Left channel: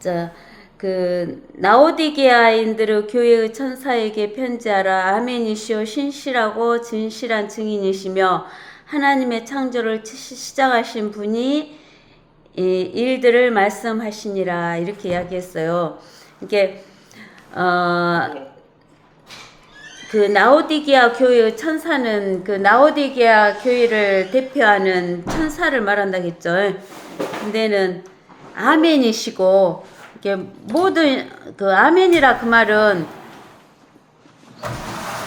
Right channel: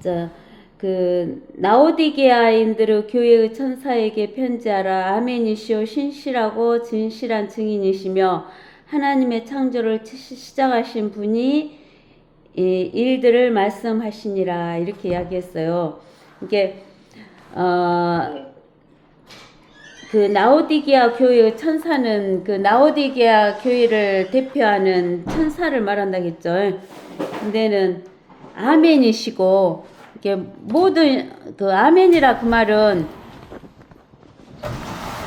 자, 그 라오디게아인들의 교회의 천사에게 편지하라. 아멘이시오 신실하고 진실한 증인이시며 하나님의 창조를 시작하신 분이 이 일들을 말씀하시니라 이렇게 이야기했어요. 이게 어, 그 나오디게아 교회의 천사는 그 나오디게아 교회를 대표하는 천사를 말한다겠죠. 근데는 아멘이시고 이게 모든 그 아멘이라 그 말은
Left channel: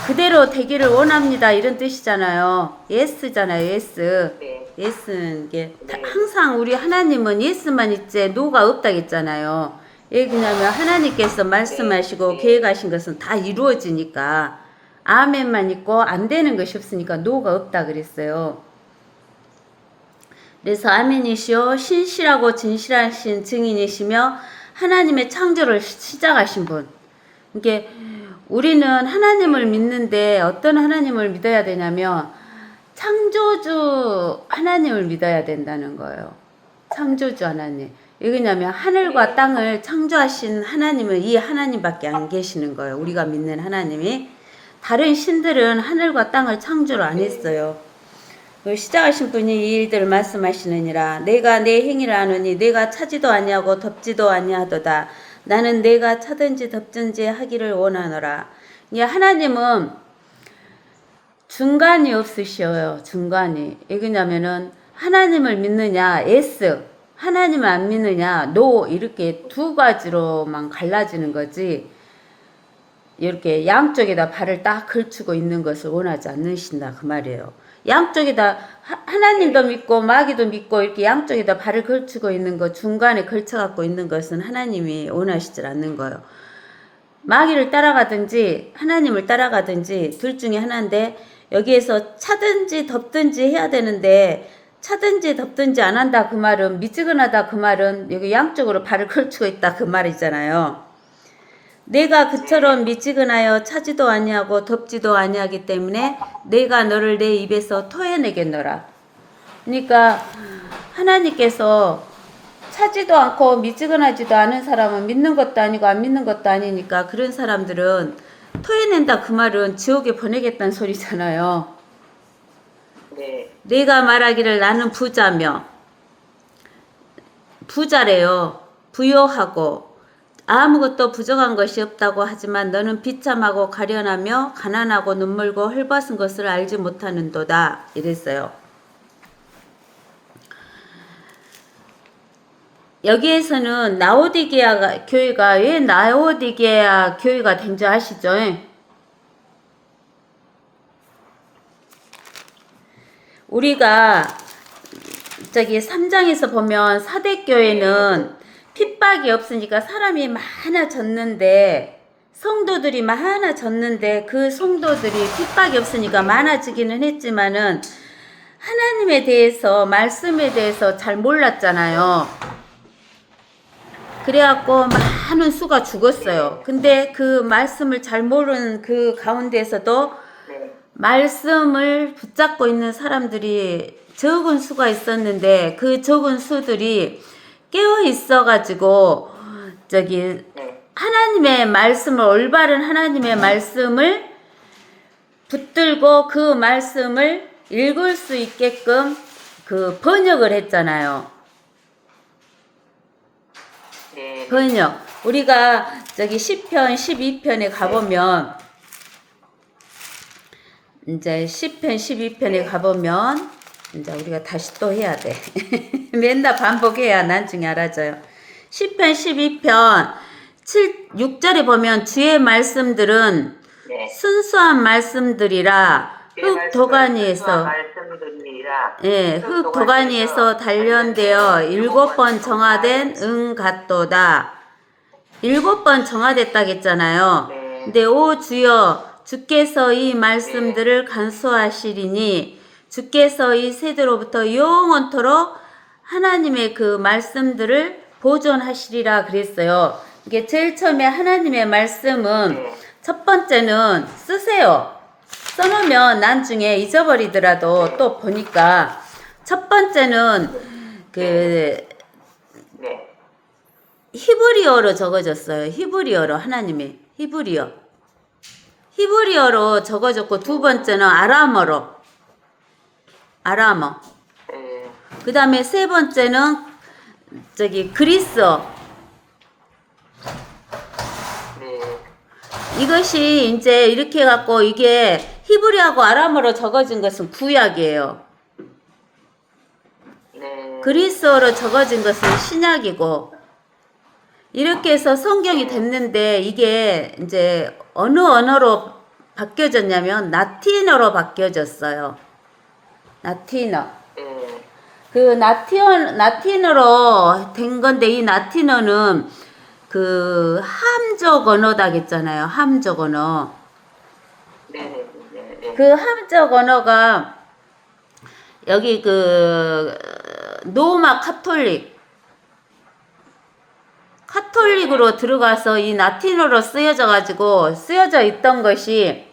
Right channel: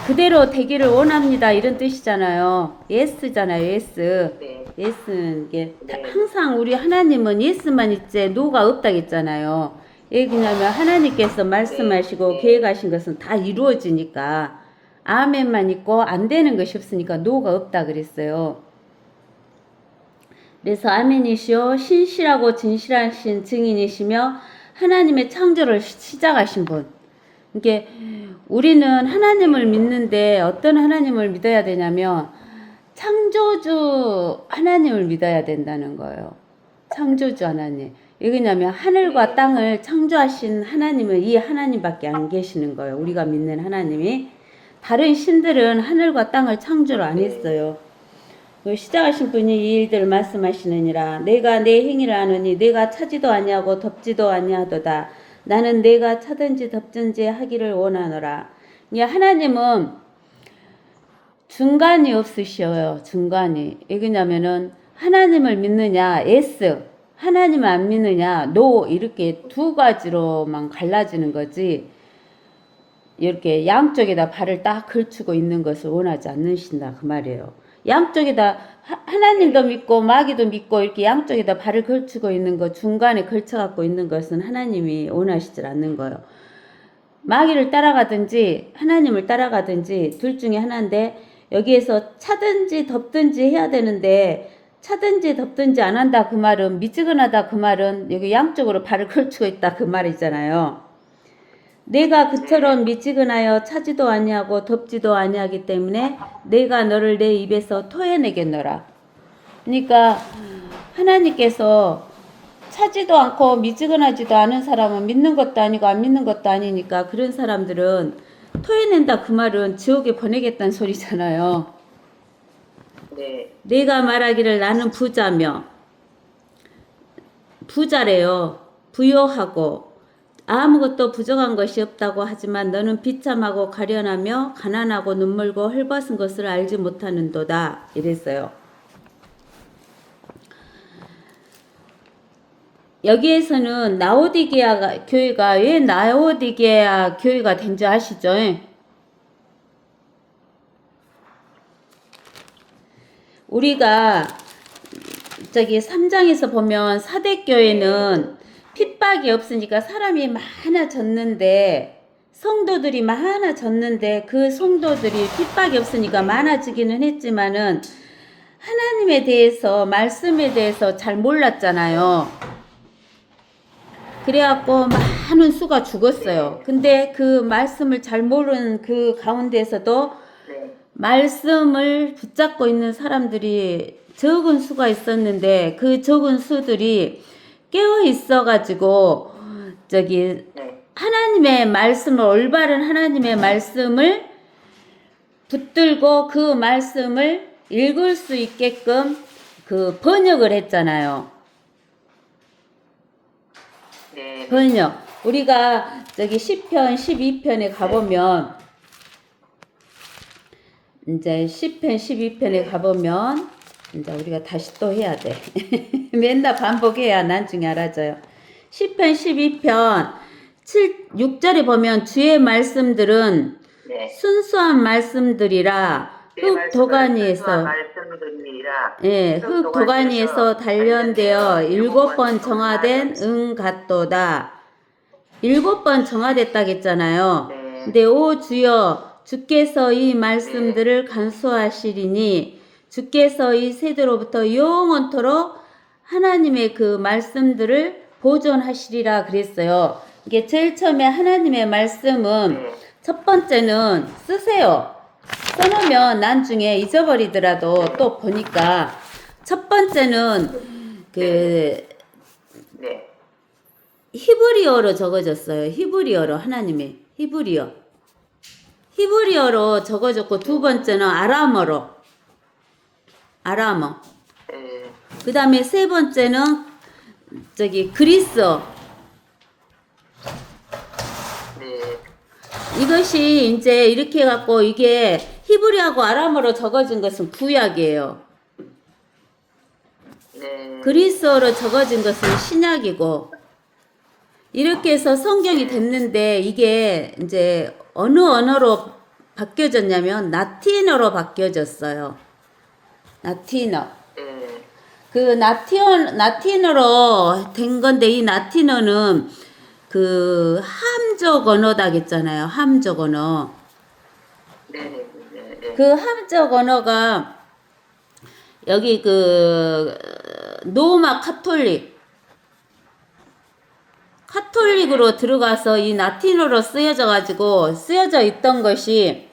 그대로 되기를 원합니다 이런 뜻이잖아요. 예스잖아요. 예스. 네. 예스는 이게 네. 항상 우리 하나님은 예스만 있지 노가 없다겠잖아요. 왜냐면 하나님께서 말씀하시고 네. 계획하신 것은 다 이루어지니까 아멘만 있고 안 되는 것이 없으니까 노가 없다 그랬어요. 그래서 아멘이시오 신실하고 진실하신 증인이시며 하나님의 창조를 시작하신 분. 이게 우리는 하나님을 믿는데 어떤 하나님을 믿어야 되냐면 창조주 하나님을 믿어야 된다는 거예요. 창조주 하나님. 왜냐면 하늘과 땅을 창조하신 하나님은 이 하나님밖에 안 계시는 거예요. 우리가 믿는 하나님이. 다른 신들은 하늘과 땅을 창조를 안 했어요. 시작하신 분이 이 일들을 말씀하시느니라. 내가 내 행위를 아느니 내가 차지도 아니하고 덮지도 아니하도다. 나는 내가 차든지 덮든지 하기를 원하노라. 하나님은 중간이 없으셔요. 중간이. 왜냐면은 하나님을 믿느냐 yes, 하나님을 안 믿느냐 no 이렇게 두 가지로만 갈라지는 거지. 이렇게 양쪽에다 발을 딱 걸치고 있는 것을 원하지 않으신다 그 말이에요. 양쪽에다 하나님도 믿고 마귀도 믿고 이렇게 양쪽에다 발을 걸치고 있는 것, 중간에 걸쳐 갖고 있는 것은 하나님이 원하시질 않는 거예요. 마귀를 따라가든지 하나님을 따라가든지 둘 중에 하나인데 여기에서 차든지 덮든지 해야 되는데 차든지 덮든지 안 한다 그 말은 미지근하다 그 말은 여기 양쪽으로 발을 걸치고 있다 그 말이잖아요. 내가 그처럼 미지근하여 차지도 아니하고 덮지도 아니하기 때문에 내가 너를 내 입에서 토해내겠노라. 그러니까 하나님께서 차지도 않고 미지근하지도 않은 사람은 믿는 것도 아니고 안 믿는 것도 아니니까 그런 사람들은 토해낸다 그 말은 지옥에 보내겠다는 소리잖아요. 네. 내가 말하기를 나는 부자래요. 부요하고 아무것도 부족한 것이 없다고 하지만 너는 비참하고 가련하며 가난하고 눈물고 헐벗은 것을 알지 못하는도다. 이랬어요. 여기에서는 나오디게아 교회가 왜 나오디게아 교회가 된지 아시죠? 우리가 저기 3장에서 보면 사대교회는 핍박이 없으니까 사람이 많아졌는데 성도들이 많아졌는데 그 성도들이 핍박이 없으니까 많아지기는 했지만은 하나님에 대해서 말씀에 대해서 잘 몰랐잖아요. 그래갖고 많은 수가 죽었어요. 근데 그 말씀을 잘 모르는 그 가운데에서도 말씀을 붙잡고 있는 사람들이 적은 수가 있었는데 그 적은 수들이 깨어 있어가지고 저기 하나님의 말씀을 올바른 하나님의 말씀을 붙들고 그 말씀을 읽을 수 있게끔 그 번역을 했잖아요. 번역. 우리가 저기 시편 12편에 가보면 이제 시편 12편에 가보면 이제 우리가 다시 또 해야 돼. 맨날 반복해야 나중에 알아져요. 시편 12편 6절에 보면 주의 말씀들은 순수한 말씀들이라 흙 도가니에서 흙 도가니에서 단련되어 7번 정화된 응 같도다. 7번 정화됐다겠잖아요. 근데 오 주여 주께서 이 말씀들을 간수하시리니 주께서 이 세대로부터 영원토록 하나님의 그 말씀들을 보존하시리라 그랬어요. 이게 제일 처음에 하나님의 말씀은 첫 번째는 쓰세요. 써놓으면 나중에 잊어버리더라도 또 보니까 첫 번째는 그 히브리어로 적어졌어요. 히브리어로 하나님의 히브리어로 적어졌고 두 번째는 아람어로 아람어. 네. 그 다음에 세 번째는 그리스어. 네. 이것이 이제 이렇게 해갖고 이게 히브리하고 아람어로 적어진 것은 구약이에요. 네. 그리스어로 적어진 것은 신약이고 이렇게 해서 성경이 됐는데 이게 이제 어느 언어로 바뀌어졌냐면 라틴어로 바뀌어졌어요. 라틴어. 네. 그 라틴어로 된 건데 이 라틴어는 그 함족 언어다겠잖아요. 함족 언어. 네. 네. 네. 그 함족 언어가 여기 그 로마 카톨릭으로 들어가서 이 라틴어로 쓰여져 있던 것이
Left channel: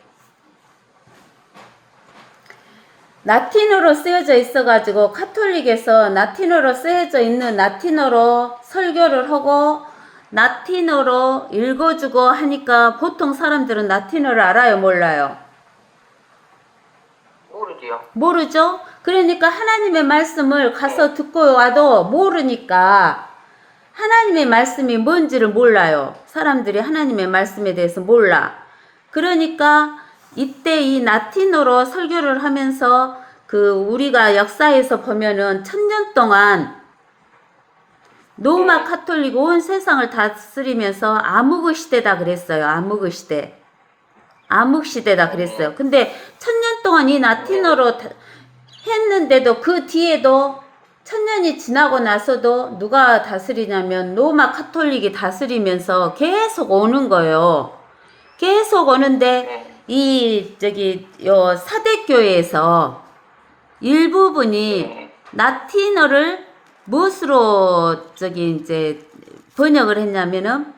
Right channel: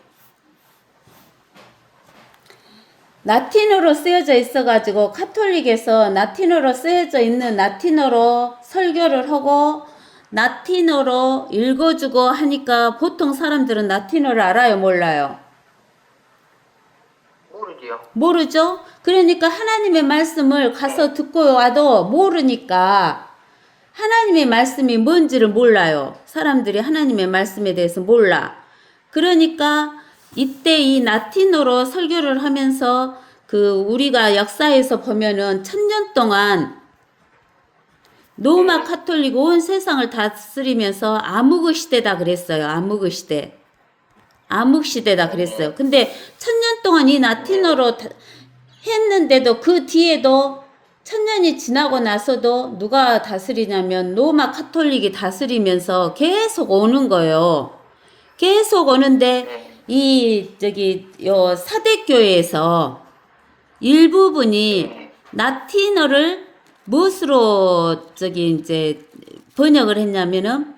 라틴어로 쓰여져 있어가지고 카톨릭에서 라틴어로 쓰여져 있는 라틴어로 설교를 하고 라틴어로 읽어주고 하니까 보통 사람들은 라틴어를 알아요, 몰라요? 모르지요. 모르죠? 그러니까 하나님의 말씀을 가서 듣고 와도 모르니까 하나님의 말씀이 뭔지를 몰라요. 사람들이 하나님의 말씀에 대해서 몰라. 그러니까 이때 이 라틴어로 설교를 하면서 그 우리가 역사에서 보면은 1000년 동안 로마 카톨릭 온 세상을 다스리면서 암흑의 시대다 그랬어요. 암흑의 시대. 암흑 시대다 그랬어요. 근데 1000년 동안 이 라틴어로 했는데도 그 뒤에도 1000년이 지나고 나서도 누가 다스리냐면 로마 카톨릭이 다스리면서 계속 오는 거예요. 계속 오는데 요 사대교회에서 일부분이 라틴어를 무엇으로 이제 번역을 했냐면은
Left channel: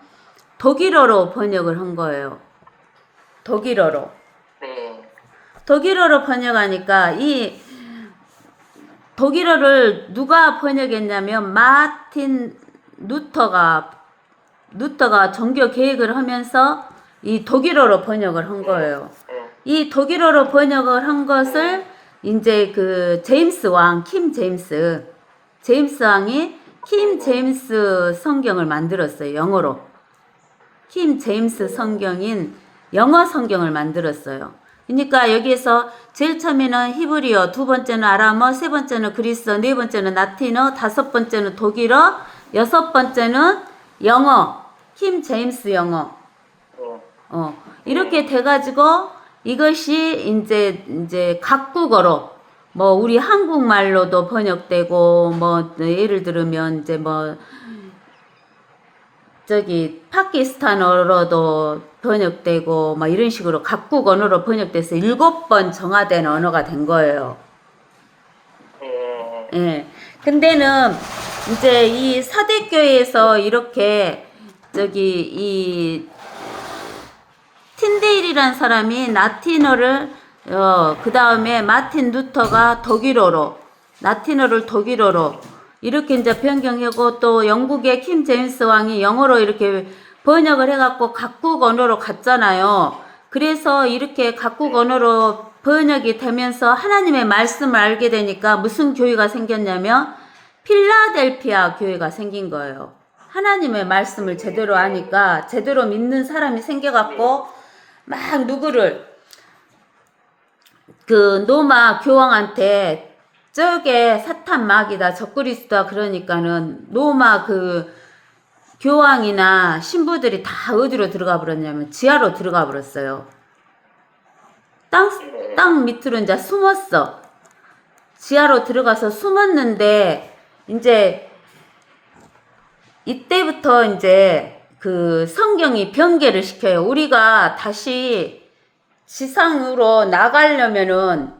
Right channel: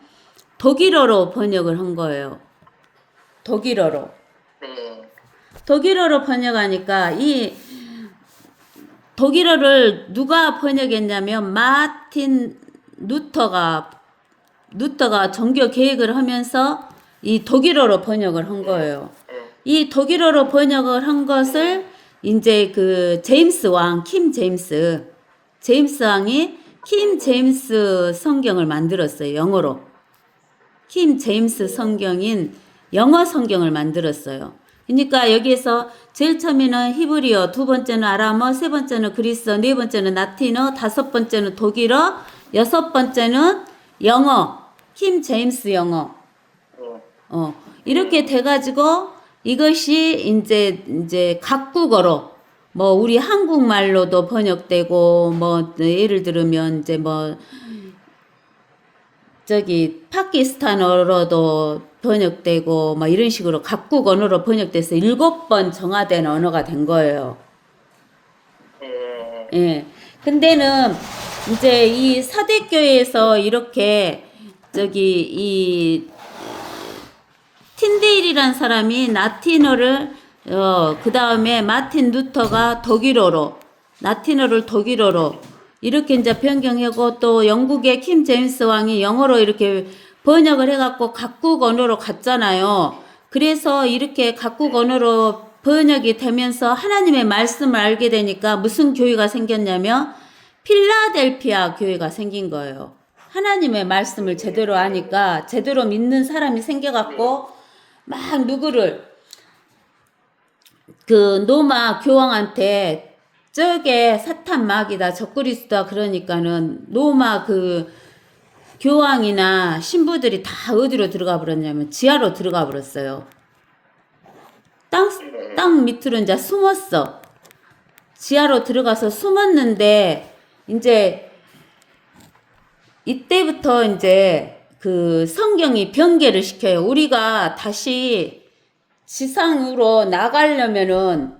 독일어로 번역을 한 거예요. 독일어로. 네. 독일어로 번역하니까 이 독일어를 누가 번역했냐면 마틴 루터가 종교 개혁을 하면서 이 독일어로 번역을 한 거예요. 이 독일어로 번역을 한 것을 이제 그 킴 제임스 왕이 킴 제임스 성경을 만들었어요. 영어로. 킴 제임스 성경인 영어 성경을 만들었어요. 그러니까 여기에서 제일 처음에는 히브리어, 두 번째는 아람어, 세 번째는 그리스어, 네 번째는 라틴어, 다섯 번째는 독일어, 여섯 번째는 영어, 킴 제임스 영어. 이렇게 돼가지고 이것이 이제 각국어로 뭐 우리 한국말로도 번역되고 뭐 예를 들면 이제 뭐 파키스탄어로도 번역되고 뭐 이런 식으로 각국 언어로 번역돼서 7번 정화된 언어가 된 거예요. 예. 근데는 이제 이 사대교회에서 이렇게 이 틴데일이란 사람이 라틴어를 그 다음에 마틴 루터가 라틴어를 독일어로 이렇게 이제 변경하고 또 영국의 킴 제임스 왕이 영어로 이렇게 번역을 해갖고 각국 언어로 갔잖아요. 그래서 이렇게 각국 언어로 번역이 되면서 하나님의 말씀을 알게 되니까 무슨 교회가 생겼냐면 필라델피아 교회가 생긴 거예요. 하나님의 말씀을 제대로 아니까 제대로 믿는 사람이 생겨갖고 막 누구를 그 로마 교황한테 저게 사탄 마귀다 적그리스도다 그러니까는 로마 그 교황이나 신부들이 다 어디로 들어가 버렸냐면 지하로 들어가 버렸어요. 땅 밑으로 이제 숨었어. 지하로 들어가서 숨었는데 이제 이때부터 이제 그 성경이 변개를 시켜요. 우리가 다시 지상으로 나가려면은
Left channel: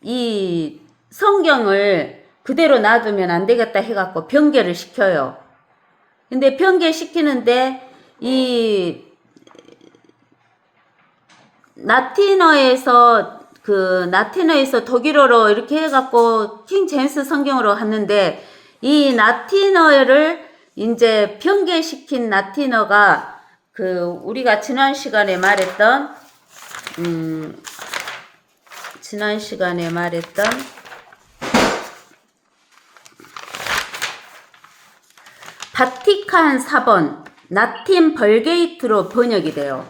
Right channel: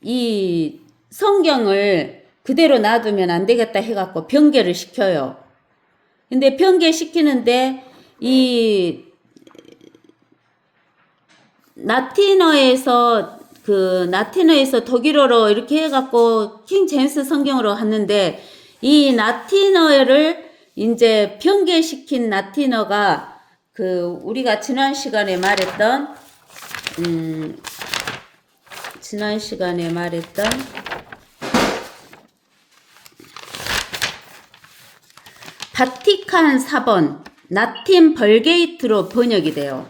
이 성경을 그대로 놔두면 안 되겠다 해갖고 변개를 시켜요. 근데 변개시키는데 이 라틴어에서 독일어로 이렇게 해갖고 킹 제임스 성경으로 갔는데 이 라틴어를 이제 변개시킨 라틴어가 우리가 지난 시간에 말했던 바티칸 사본 라틴 벌게이트로 번역이 돼요.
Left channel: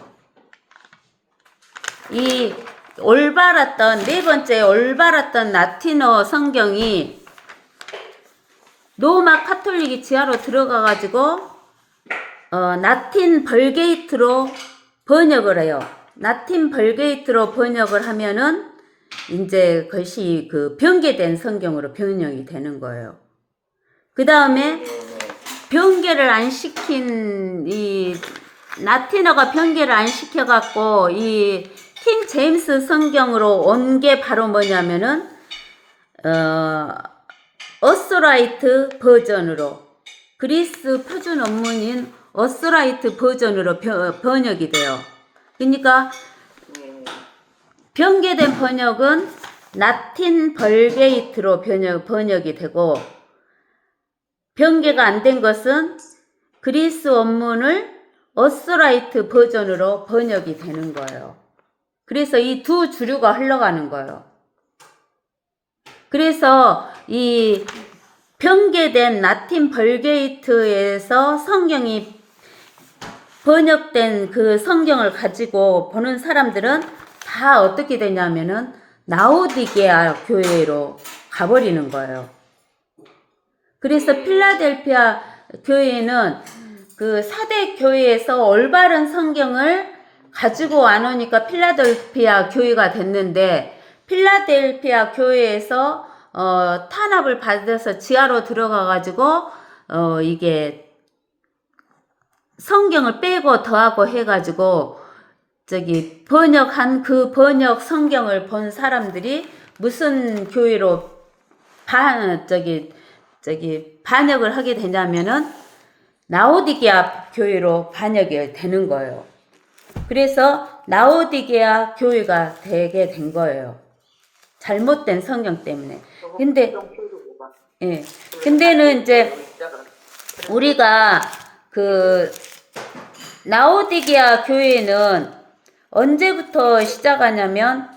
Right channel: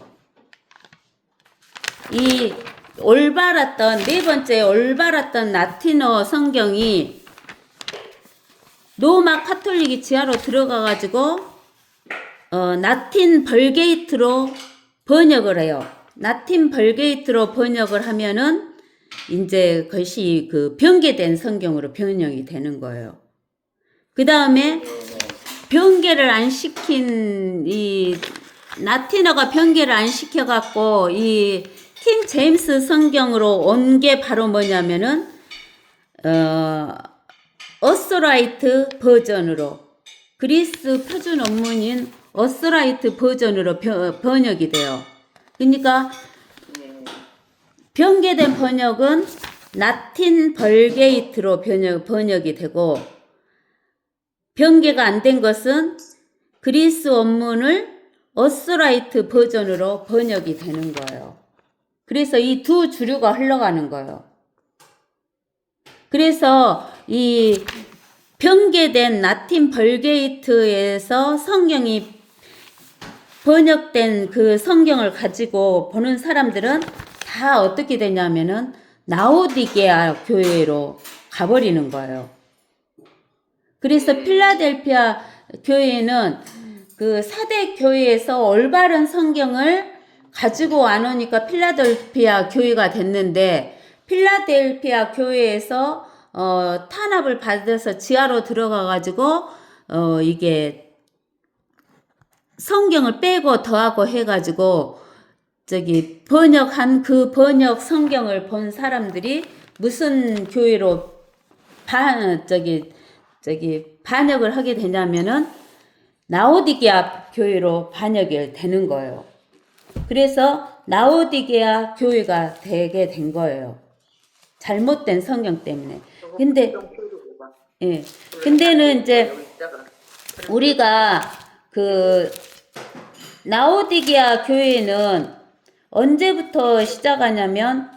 이 네 번째 올바랐던 라틴어 성경이 로마 카톨릭이 지하로 들어가가지고 라틴 벌게이트로 번역을 해요. 라틴 벌게이트로 번역을 하면은 이제 그것이 변개된 성경으로 번역이 되는 거예요. 그 다음에 변개를 안 시킨 라틴어가 변개를 안 시켜갖고 이 킹 제임스 성경으로 온 게 바로 뭐냐면은 어스라이트 버전으로 그리스 표준 원문인 어스라이트 버전으로 번역이 돼요. 그러니까 변개된 번역은 라틴 벌게이트로 번역이 되고 변개가 안 된 것은 그리스 원문을 어스라이트 버전으로 번역이 되는 거예요. 그래서 이 두 주류가 흘러가는 거예요. 그래서 이 변개된 라틴 벌게이트에서 성경이 번역된 그 성경을 가지고 보는 사람들은 다 어떻게 되냐면은 라오디게아 교회로 가버리는 거예요. 그래서 필라델피아 교회는 그 4대 교회에서 올바른 성경을 가지고 안 오니까 필라델피아 교회가 됐는데 필라델피아 교회에서 탄압을 받아서 지하로 들어가가지고 이게 성경을 빼고 더하고 해가지고 번역한 그 번역 성경을 본 사람들이 무슨 교회로 반역을 하게 되냐면은 라오디게아 교회로 반역이 되는 거예요. 그래서 라오디게아 교회가 되게 된 거예요. 잘못된 성경 때문에. 근데는 이제 우리가 라오디게아 교회는 언제부터 시작하냐면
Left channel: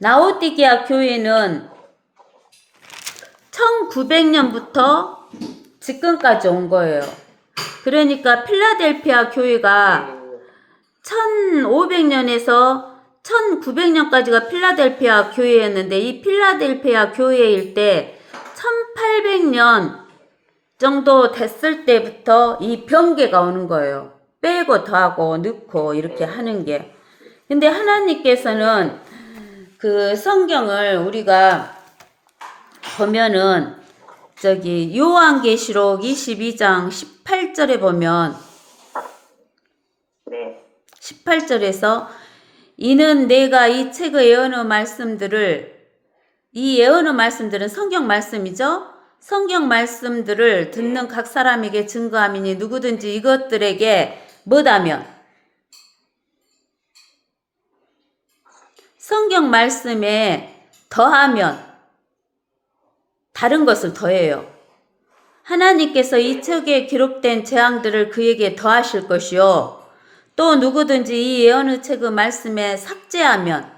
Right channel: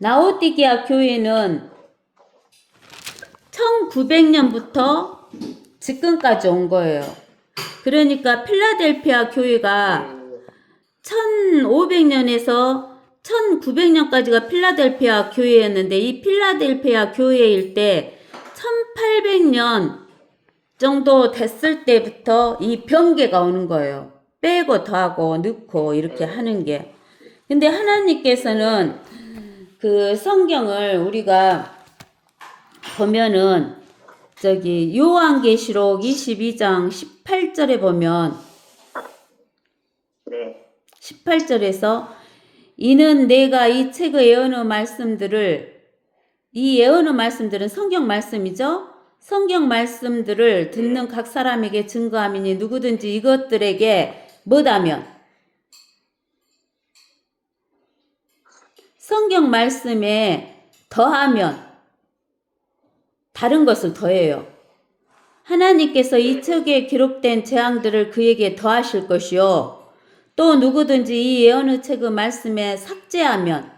라오디게아 교회는 1900년부터 지금까지 온 거예요. 그러니까 필라델피아 교회가 1500년에서 1900년까지가 필라델피아 교회였는데 이 필라델피아 교회일 때 1800년 정도 됐을 때부터 이 변개가 오는 거예요. 빼고 더하고 넣고 이렇게 하는 게. 근데 하나님께서는 그 성경을 우리가 보면은 요한계시록 22장 18절에 보면 18절에서 이는 내가 이 책의 예언의 말씀들을 이 예언의 말씀들은 성경 말씀이죠. 성경 말씀들을 듣는 각 사람에게 증거함이니 누구든지 이것들에게 뭐다면 성경 말씀에 더하면 다른 것을 더해요. 하나님께서 이 책에 기록된 재앙들을 그에게 더하실 것이요. 또 누구든지 이 예언의 책의 말씀에 삭제하면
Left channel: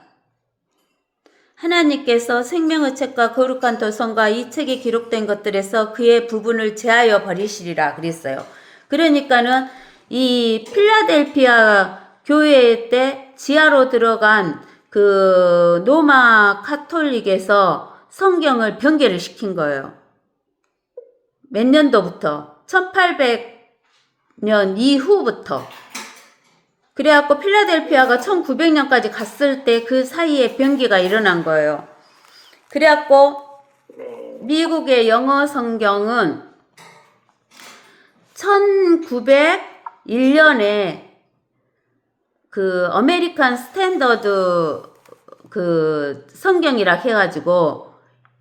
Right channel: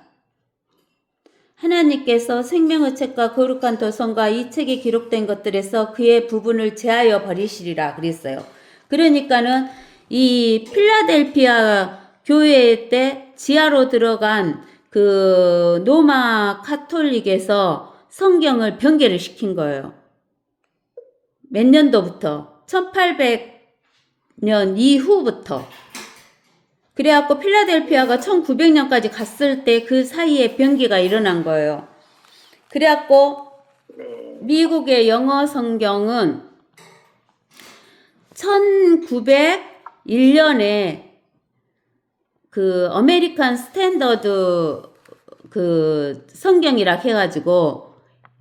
하나님께서 생명의 책과 거룩한 도성과 이 책에 기록된 것들에서 그의 부분을 제하여 버리시리라 그랬어요. 그러니까는 이 필라델피아 교회 때 지하로 들어간 그 로마 카톨릭에서 성경을 변개를 시킨 거예요. 몇 년도부터? 1800년 이후부터. 그래갖고 필라델피아가 1900년까지 갔을 때 그 사이에 변개가 일어난 거예요. 그래갖고 미국의 영어 성경은 1901년에 그 아메리칸 스탠더드 그 성경이라 해가지고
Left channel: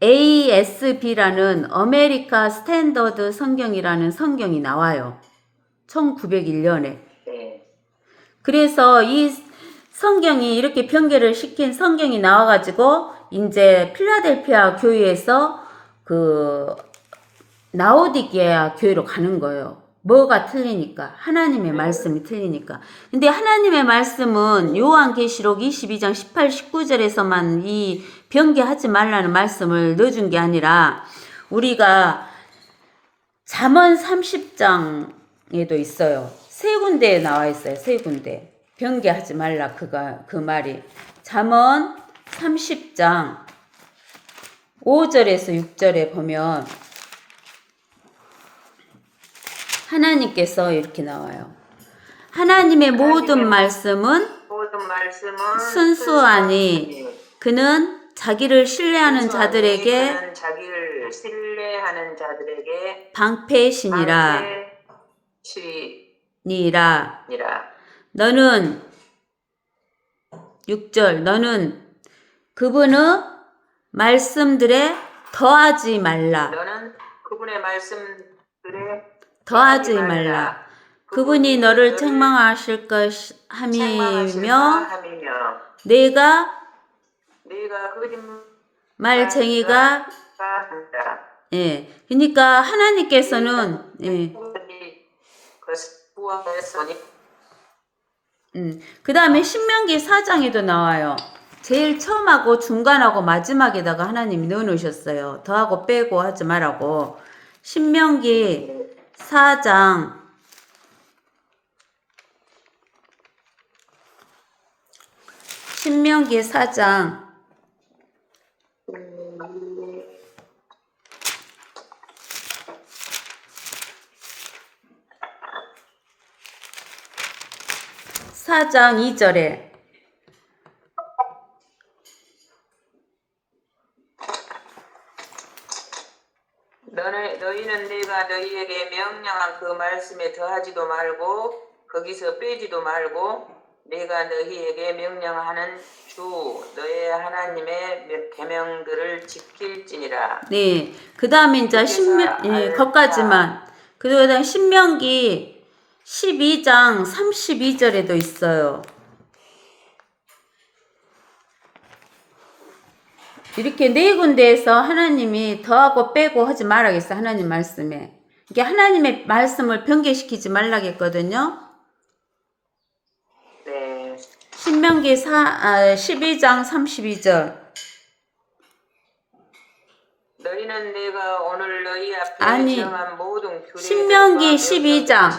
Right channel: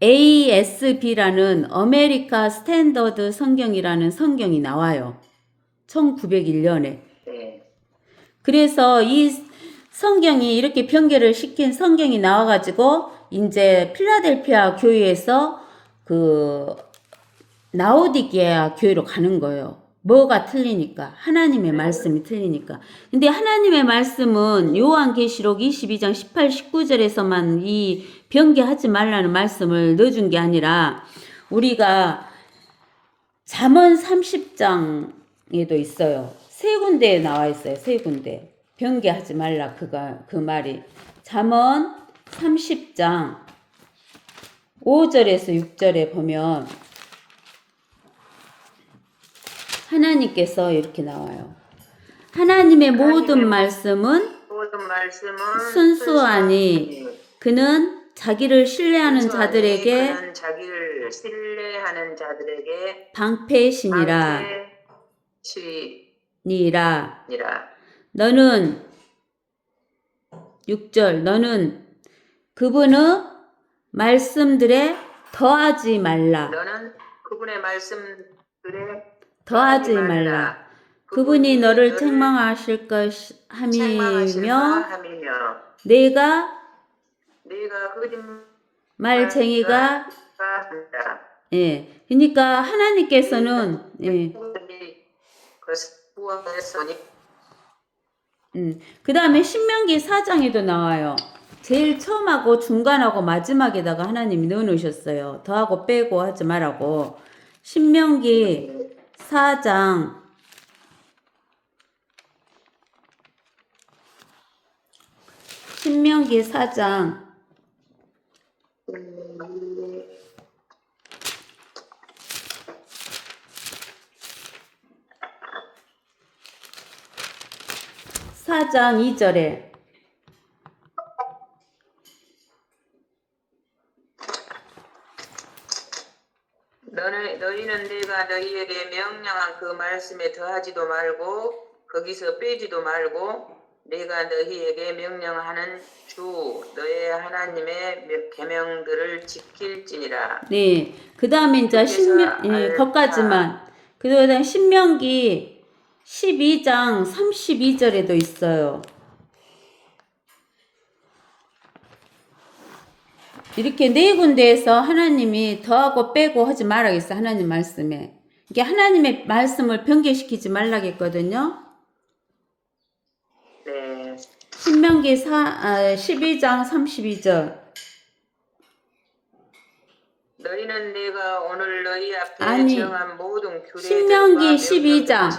ASB라는 아메리카 스탠더드 성경이라는 성경이 나와요. 1901년에. 그래서 이 성경이 이렇게 변개를 시킨 성경이 나와가지고 이제 필라델피아 교회에서 그 라오디게아 교회로 가는 거예요. 뭐가 틀리니까. 하나님의 말씀이 틀리니까. 근데 하나님의 말씀은 요한계시록 22장 18, 19절에서만 이 변개하지 말라는 말씀을 넣어준 게 아니라 우리가 잠언 30장에도 있어요. 세 군데에 나와 있어요. 세 군데. 변개하지 말라 그 말이. 잠언 30장 5절에서 6절에 보면 하나님께서 이렇게 나와요. 하나님의 모든 말씀은 순수하니 그는 자기를 신뢰하는 자들에게 그는 자기를 신뢰하는 자들에게 방패시니라. 방패시니라. 너는 6절 너는 그분의 말씀들에 더하지 말라. 너는 그분의 말씀들에 더하지 말라. 그분이 너를 책망하실 것함이며 내가 말쟁이가 예. 그러니까 하나님께서는 예. 그 다음에 신명기 4장에도 나와요. 제일 처음하고 중간하고 마지막에다가 하나님이 넣어놓으셨어요. 더하고 빼고 하지 말라고. 신명기 4장 4장 2절에 너희는 내가 너희에게 명령한 그 말씀에 더하지도 말고 거기서 빼지도 말고 내가 너희에게 명령하는 주 너의 하나님의 계명들을 지킬지니라. 네. 그 다음에 이제 거기까지만. 그 다음에 신명기 12장 32절에도 있어요. 이렇게 네 군데에서 하나님이 더하고 빼고 하지 말라겠어. 하나님 말씀에. 이게 하나님의 말씀을 변개시키지 말라겠거든요. 네. 신명기 12장 32절. 너희는 내가 오늘 너희 앞에 정한 모든 규례들과 신명기 12장.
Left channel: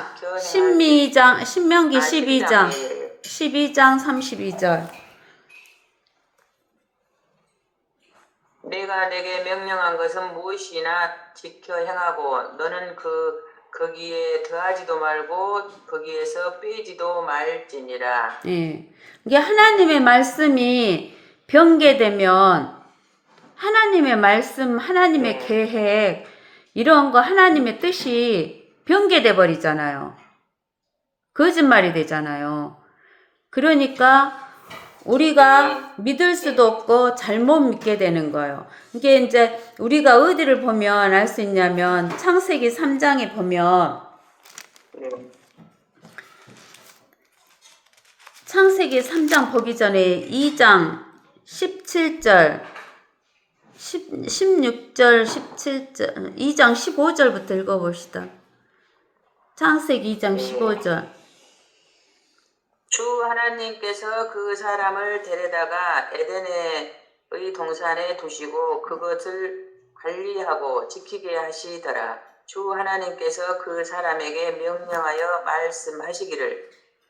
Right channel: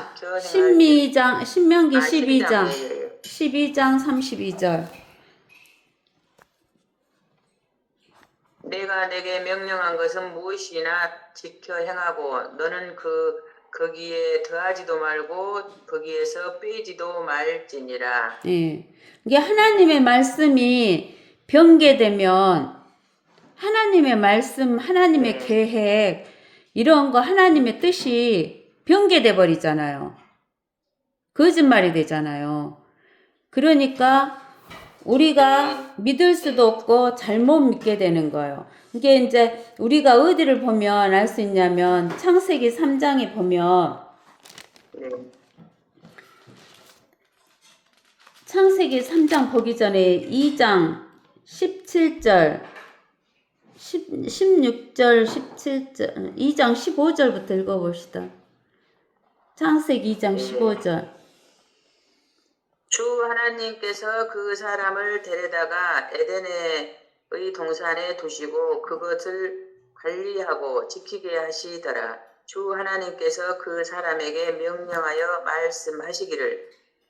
신명기 12장 32절. 내가 내게 명령한 것은 무엇이나 지켜 행하고 너는 거기에 더하지도 말고 거기에서 빼지도 말지니라. 예. 이게 하나님의 말씀이 변개되면 하나님의 말씀, 하나님의 계획 이런 거 하나님의 뜻이 변개돼 버리잖아요. 거짓말이 되잖아요. 그러니까 우리가 믿을 수도 없고 잘못 믿게 되는 거예요. 이게 이제 우리가 어디를 보면 알 수 있냐면 창세기 3장에 보면 창세기 3장 보기 전에 2장 17절 16절 17절 2장 15절부터 읽어봅시다. 창세기 2장 15절 주 하나님께서 그 사람을 데려다가 에덴의 동산에 두시고 그것을 관리하고 지키게 하시더라. 주 하나님께서 그 사람에게 명령하여 말씀하시기를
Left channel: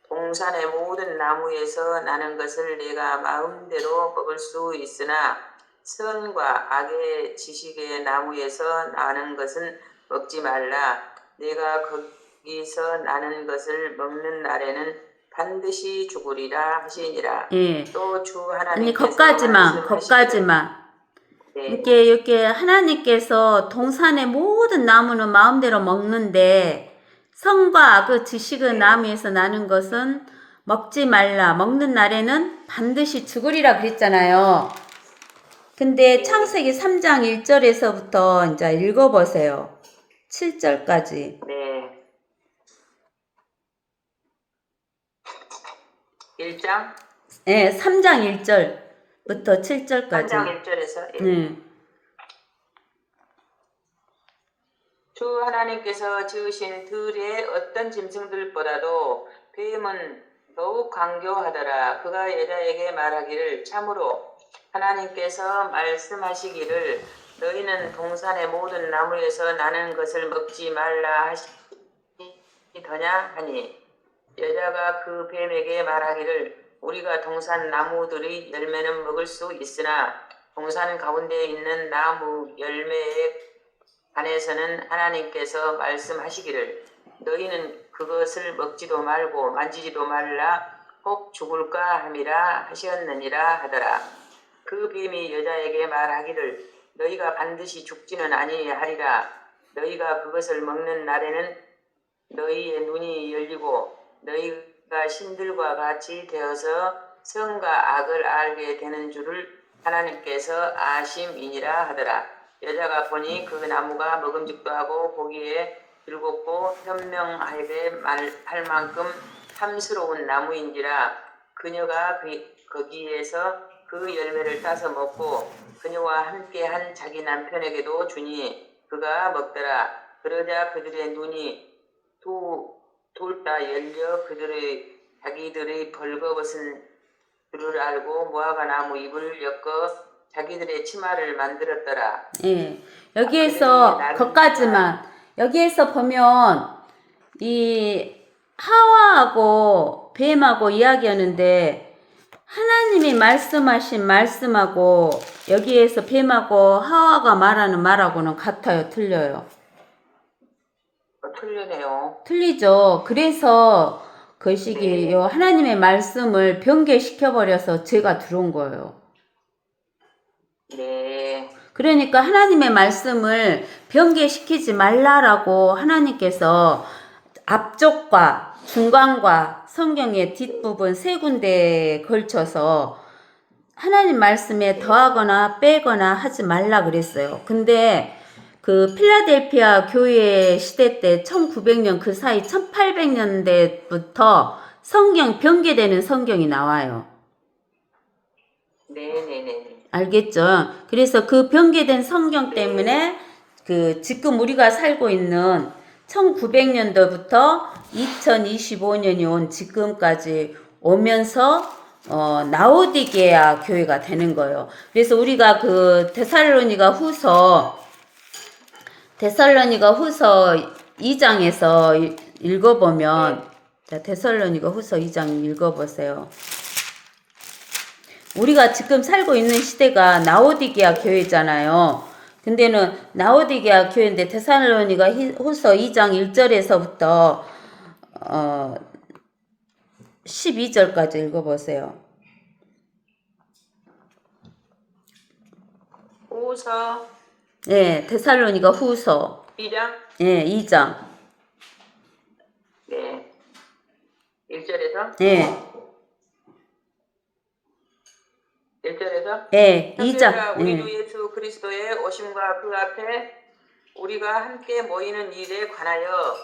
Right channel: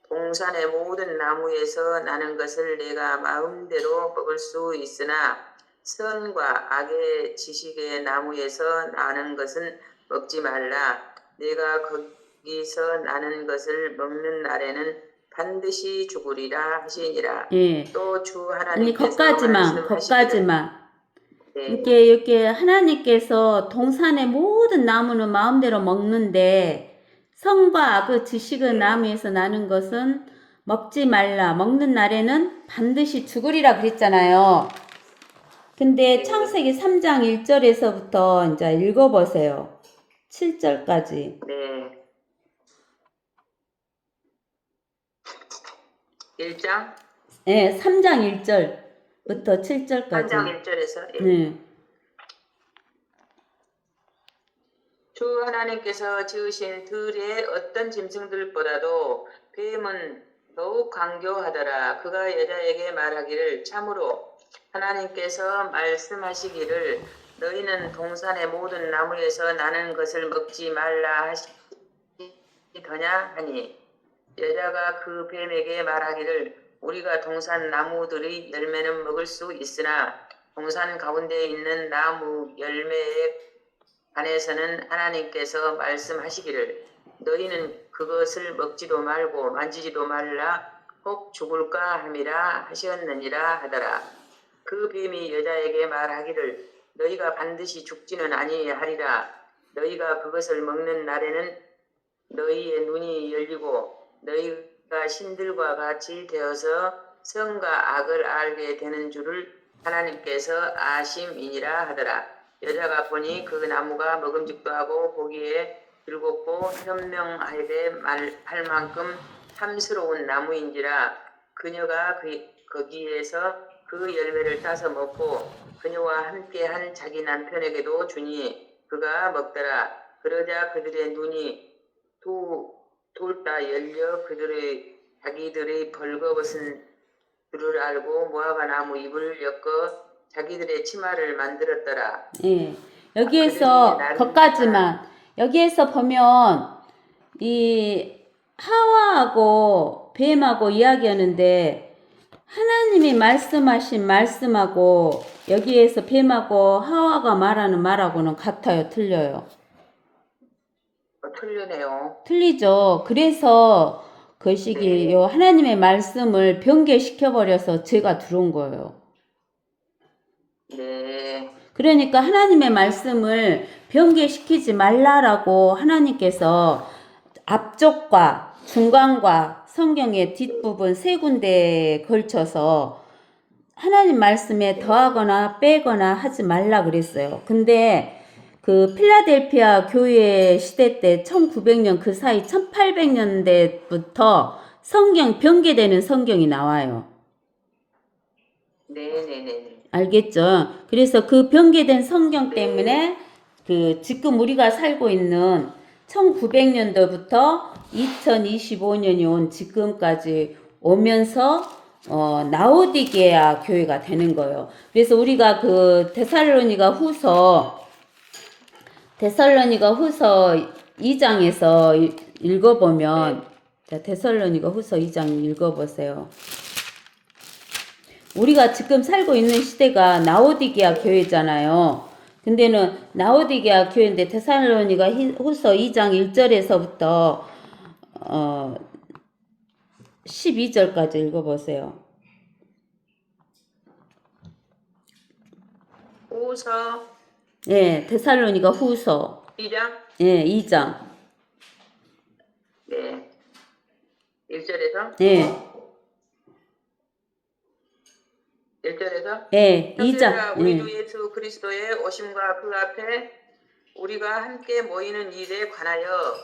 동산의 모든 나무에서 나는 것을 내가 마음대로 먹을 수 있으나 선과 악의 지식의 나무에서 나는 것은 먹지 말라. 내가 거기서 나는 것을 먹는 날에는 반드시 죽으리라 하시니라. 예. 또 주 하나님께서 거기까지만. 이렇게 하나님께서 동산의 모든 나무는 마음대로 먹는데 선과 악의 지식의 나무에서 나는 것은 먹지 말라. 먹는 날에는 반드시 죽으리라 그랬잖아요. 근데 창세기 3장 1절에서부터 이제 읽어보세요. 7절까지. 네. 1장? 네, 3장 1절. 부터 3장 7절까지. 1절에서 네. 주 하나님께서 지으신 들의 어떤 짐승들보다도 뱀은 더욱 강교하더라. 그가 여자에게 말하기를 참으로 하나님께서 말씀하시기를 너희는 동산의 모든 나무에서 나는 것을 먹지 말라 하시더냐 하니 여자가 그 뱀에게 말하기를 우리가 동산 나무들의 열매는 먹을 수 있으나 동산 가운데 있는 나무 열매에 관해서는 하나님께서 말씀하시기를 너희는 그것을 먹지도 말고 만지지도 말라 혹 죽을까 함이라 하셨느니라 하더라. 그 뱀이 여자에게 말하기를 너희가 반드시 죽지는 아니하리라. 너희가 그것을 먹는 날에는 너희의 눈이 열리고 너희가 신들과 같이 되어서 선과 악을 알게 되는 줄을 하나님께서 아심이니라 하더라. 여자가 보니 그 나무가 먹음직도 하고 보기에 즐겁고 현명하게 할 만큼 탐스러운 나무인지라 그녀가 거기에서 그 열매를 따서 먹고 그녀와 함께한 자기 남편에게도 주니 그가 먹더라. 그러자 그들의 눈이 둘 다 열려 자기들의 벌거벗은 줄을 알고 무화과 나무 잎을 엮어 자기들의 치마를 만들었더라. 예. 여기에서 거까지만 여기에서 보면 이 하와하고 뱀하고 이야기하는데 하나님이 말씀하신 말씀하고 여기에서 뱀하고 하와가 말하는 말하고는 같아요, 틀려요? 틀리네요. 틀리죠. 그래서 그 시기 네. 요 하나님의 말씀을 변개시켜 버려서 죄가 들어온 거예요. 네. 그러니까 하나님의 말씀을 변개시키지 말라라고 하나님께서 앞쪽과 중간과 성경의 뒷부분 세 군데에 걸쳐서 하나님 말씀에 더하거나 빼거나 하지 말라 그랬어요. 근데 그 필라델피아 교회 시대 때 1900년 그 사이 1800년대부터 성경 변개되는 성경이 나와요. 네네네. 알겠죠? 그래서 그 변개된 성경 때문에 그 지금 우리가 살고 있는 1900년도부터 2025년이 온 지금까지 오면서 라오디게아 교회가 되는 거예요. 그래서 우리가 그 데살로니가 후서 2장에서 읽어보면 자, 데살로니가 후서 2장 읽어보세요. 우리가 지금 살고 있는 시대가 라오디게아 교회잖아요. 근데는 라오디게아 교회인데 데살로니가 후서 2장 1절에서부터 12절까지 읽어보세요. 후서 예, 데살로니가 후서 2장? 예, 2장. 네. 1절에서? 예. 1절에서? 예, 형제들아 2장. 우리 예. 주 예수 그리스도의 오심과 그 앞에 우리가 함께 모이는 일에 관하여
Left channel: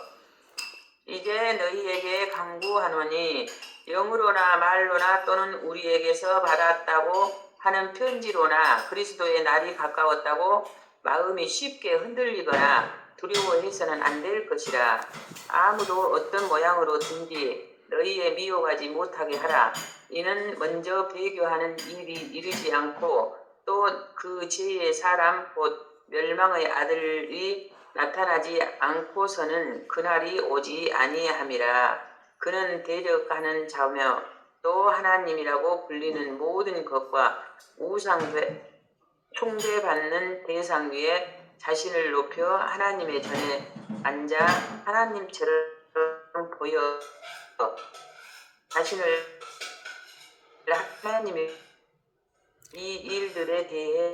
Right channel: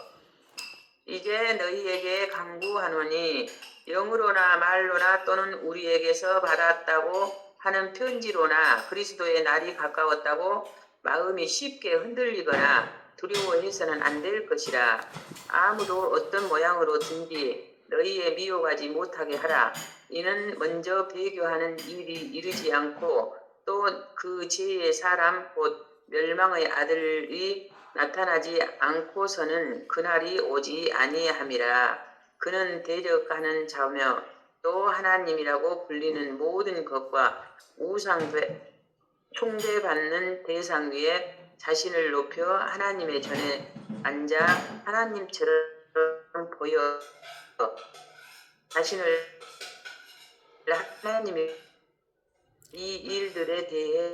이제 너희에게 강구하노니 영으로나 말로나 또는 우리에게서 받았다고 하는 편지로나 그리스도의 날이 가까웠다고 마음이 쉽게 흔들리거나 두려워해서는 안 될 것이라. 아무도 어떤 모양으로든지 너희에 미혹하지 못하게 하라. 이는 먼저 배교하는 일이 이르지 않고 또 그 죄의 사람 곧 멸망의 아들이 나타나지 않고서는 그날이 오지 아니함이라. 그는 대적하는 자며 또 하나님이라고 불리는 모든 것과 숭배받는 대상 위에 자신을 높여 하나님의 전에 앉아 하나님처럼 보여 자신을 하나님의 이 일들에 대해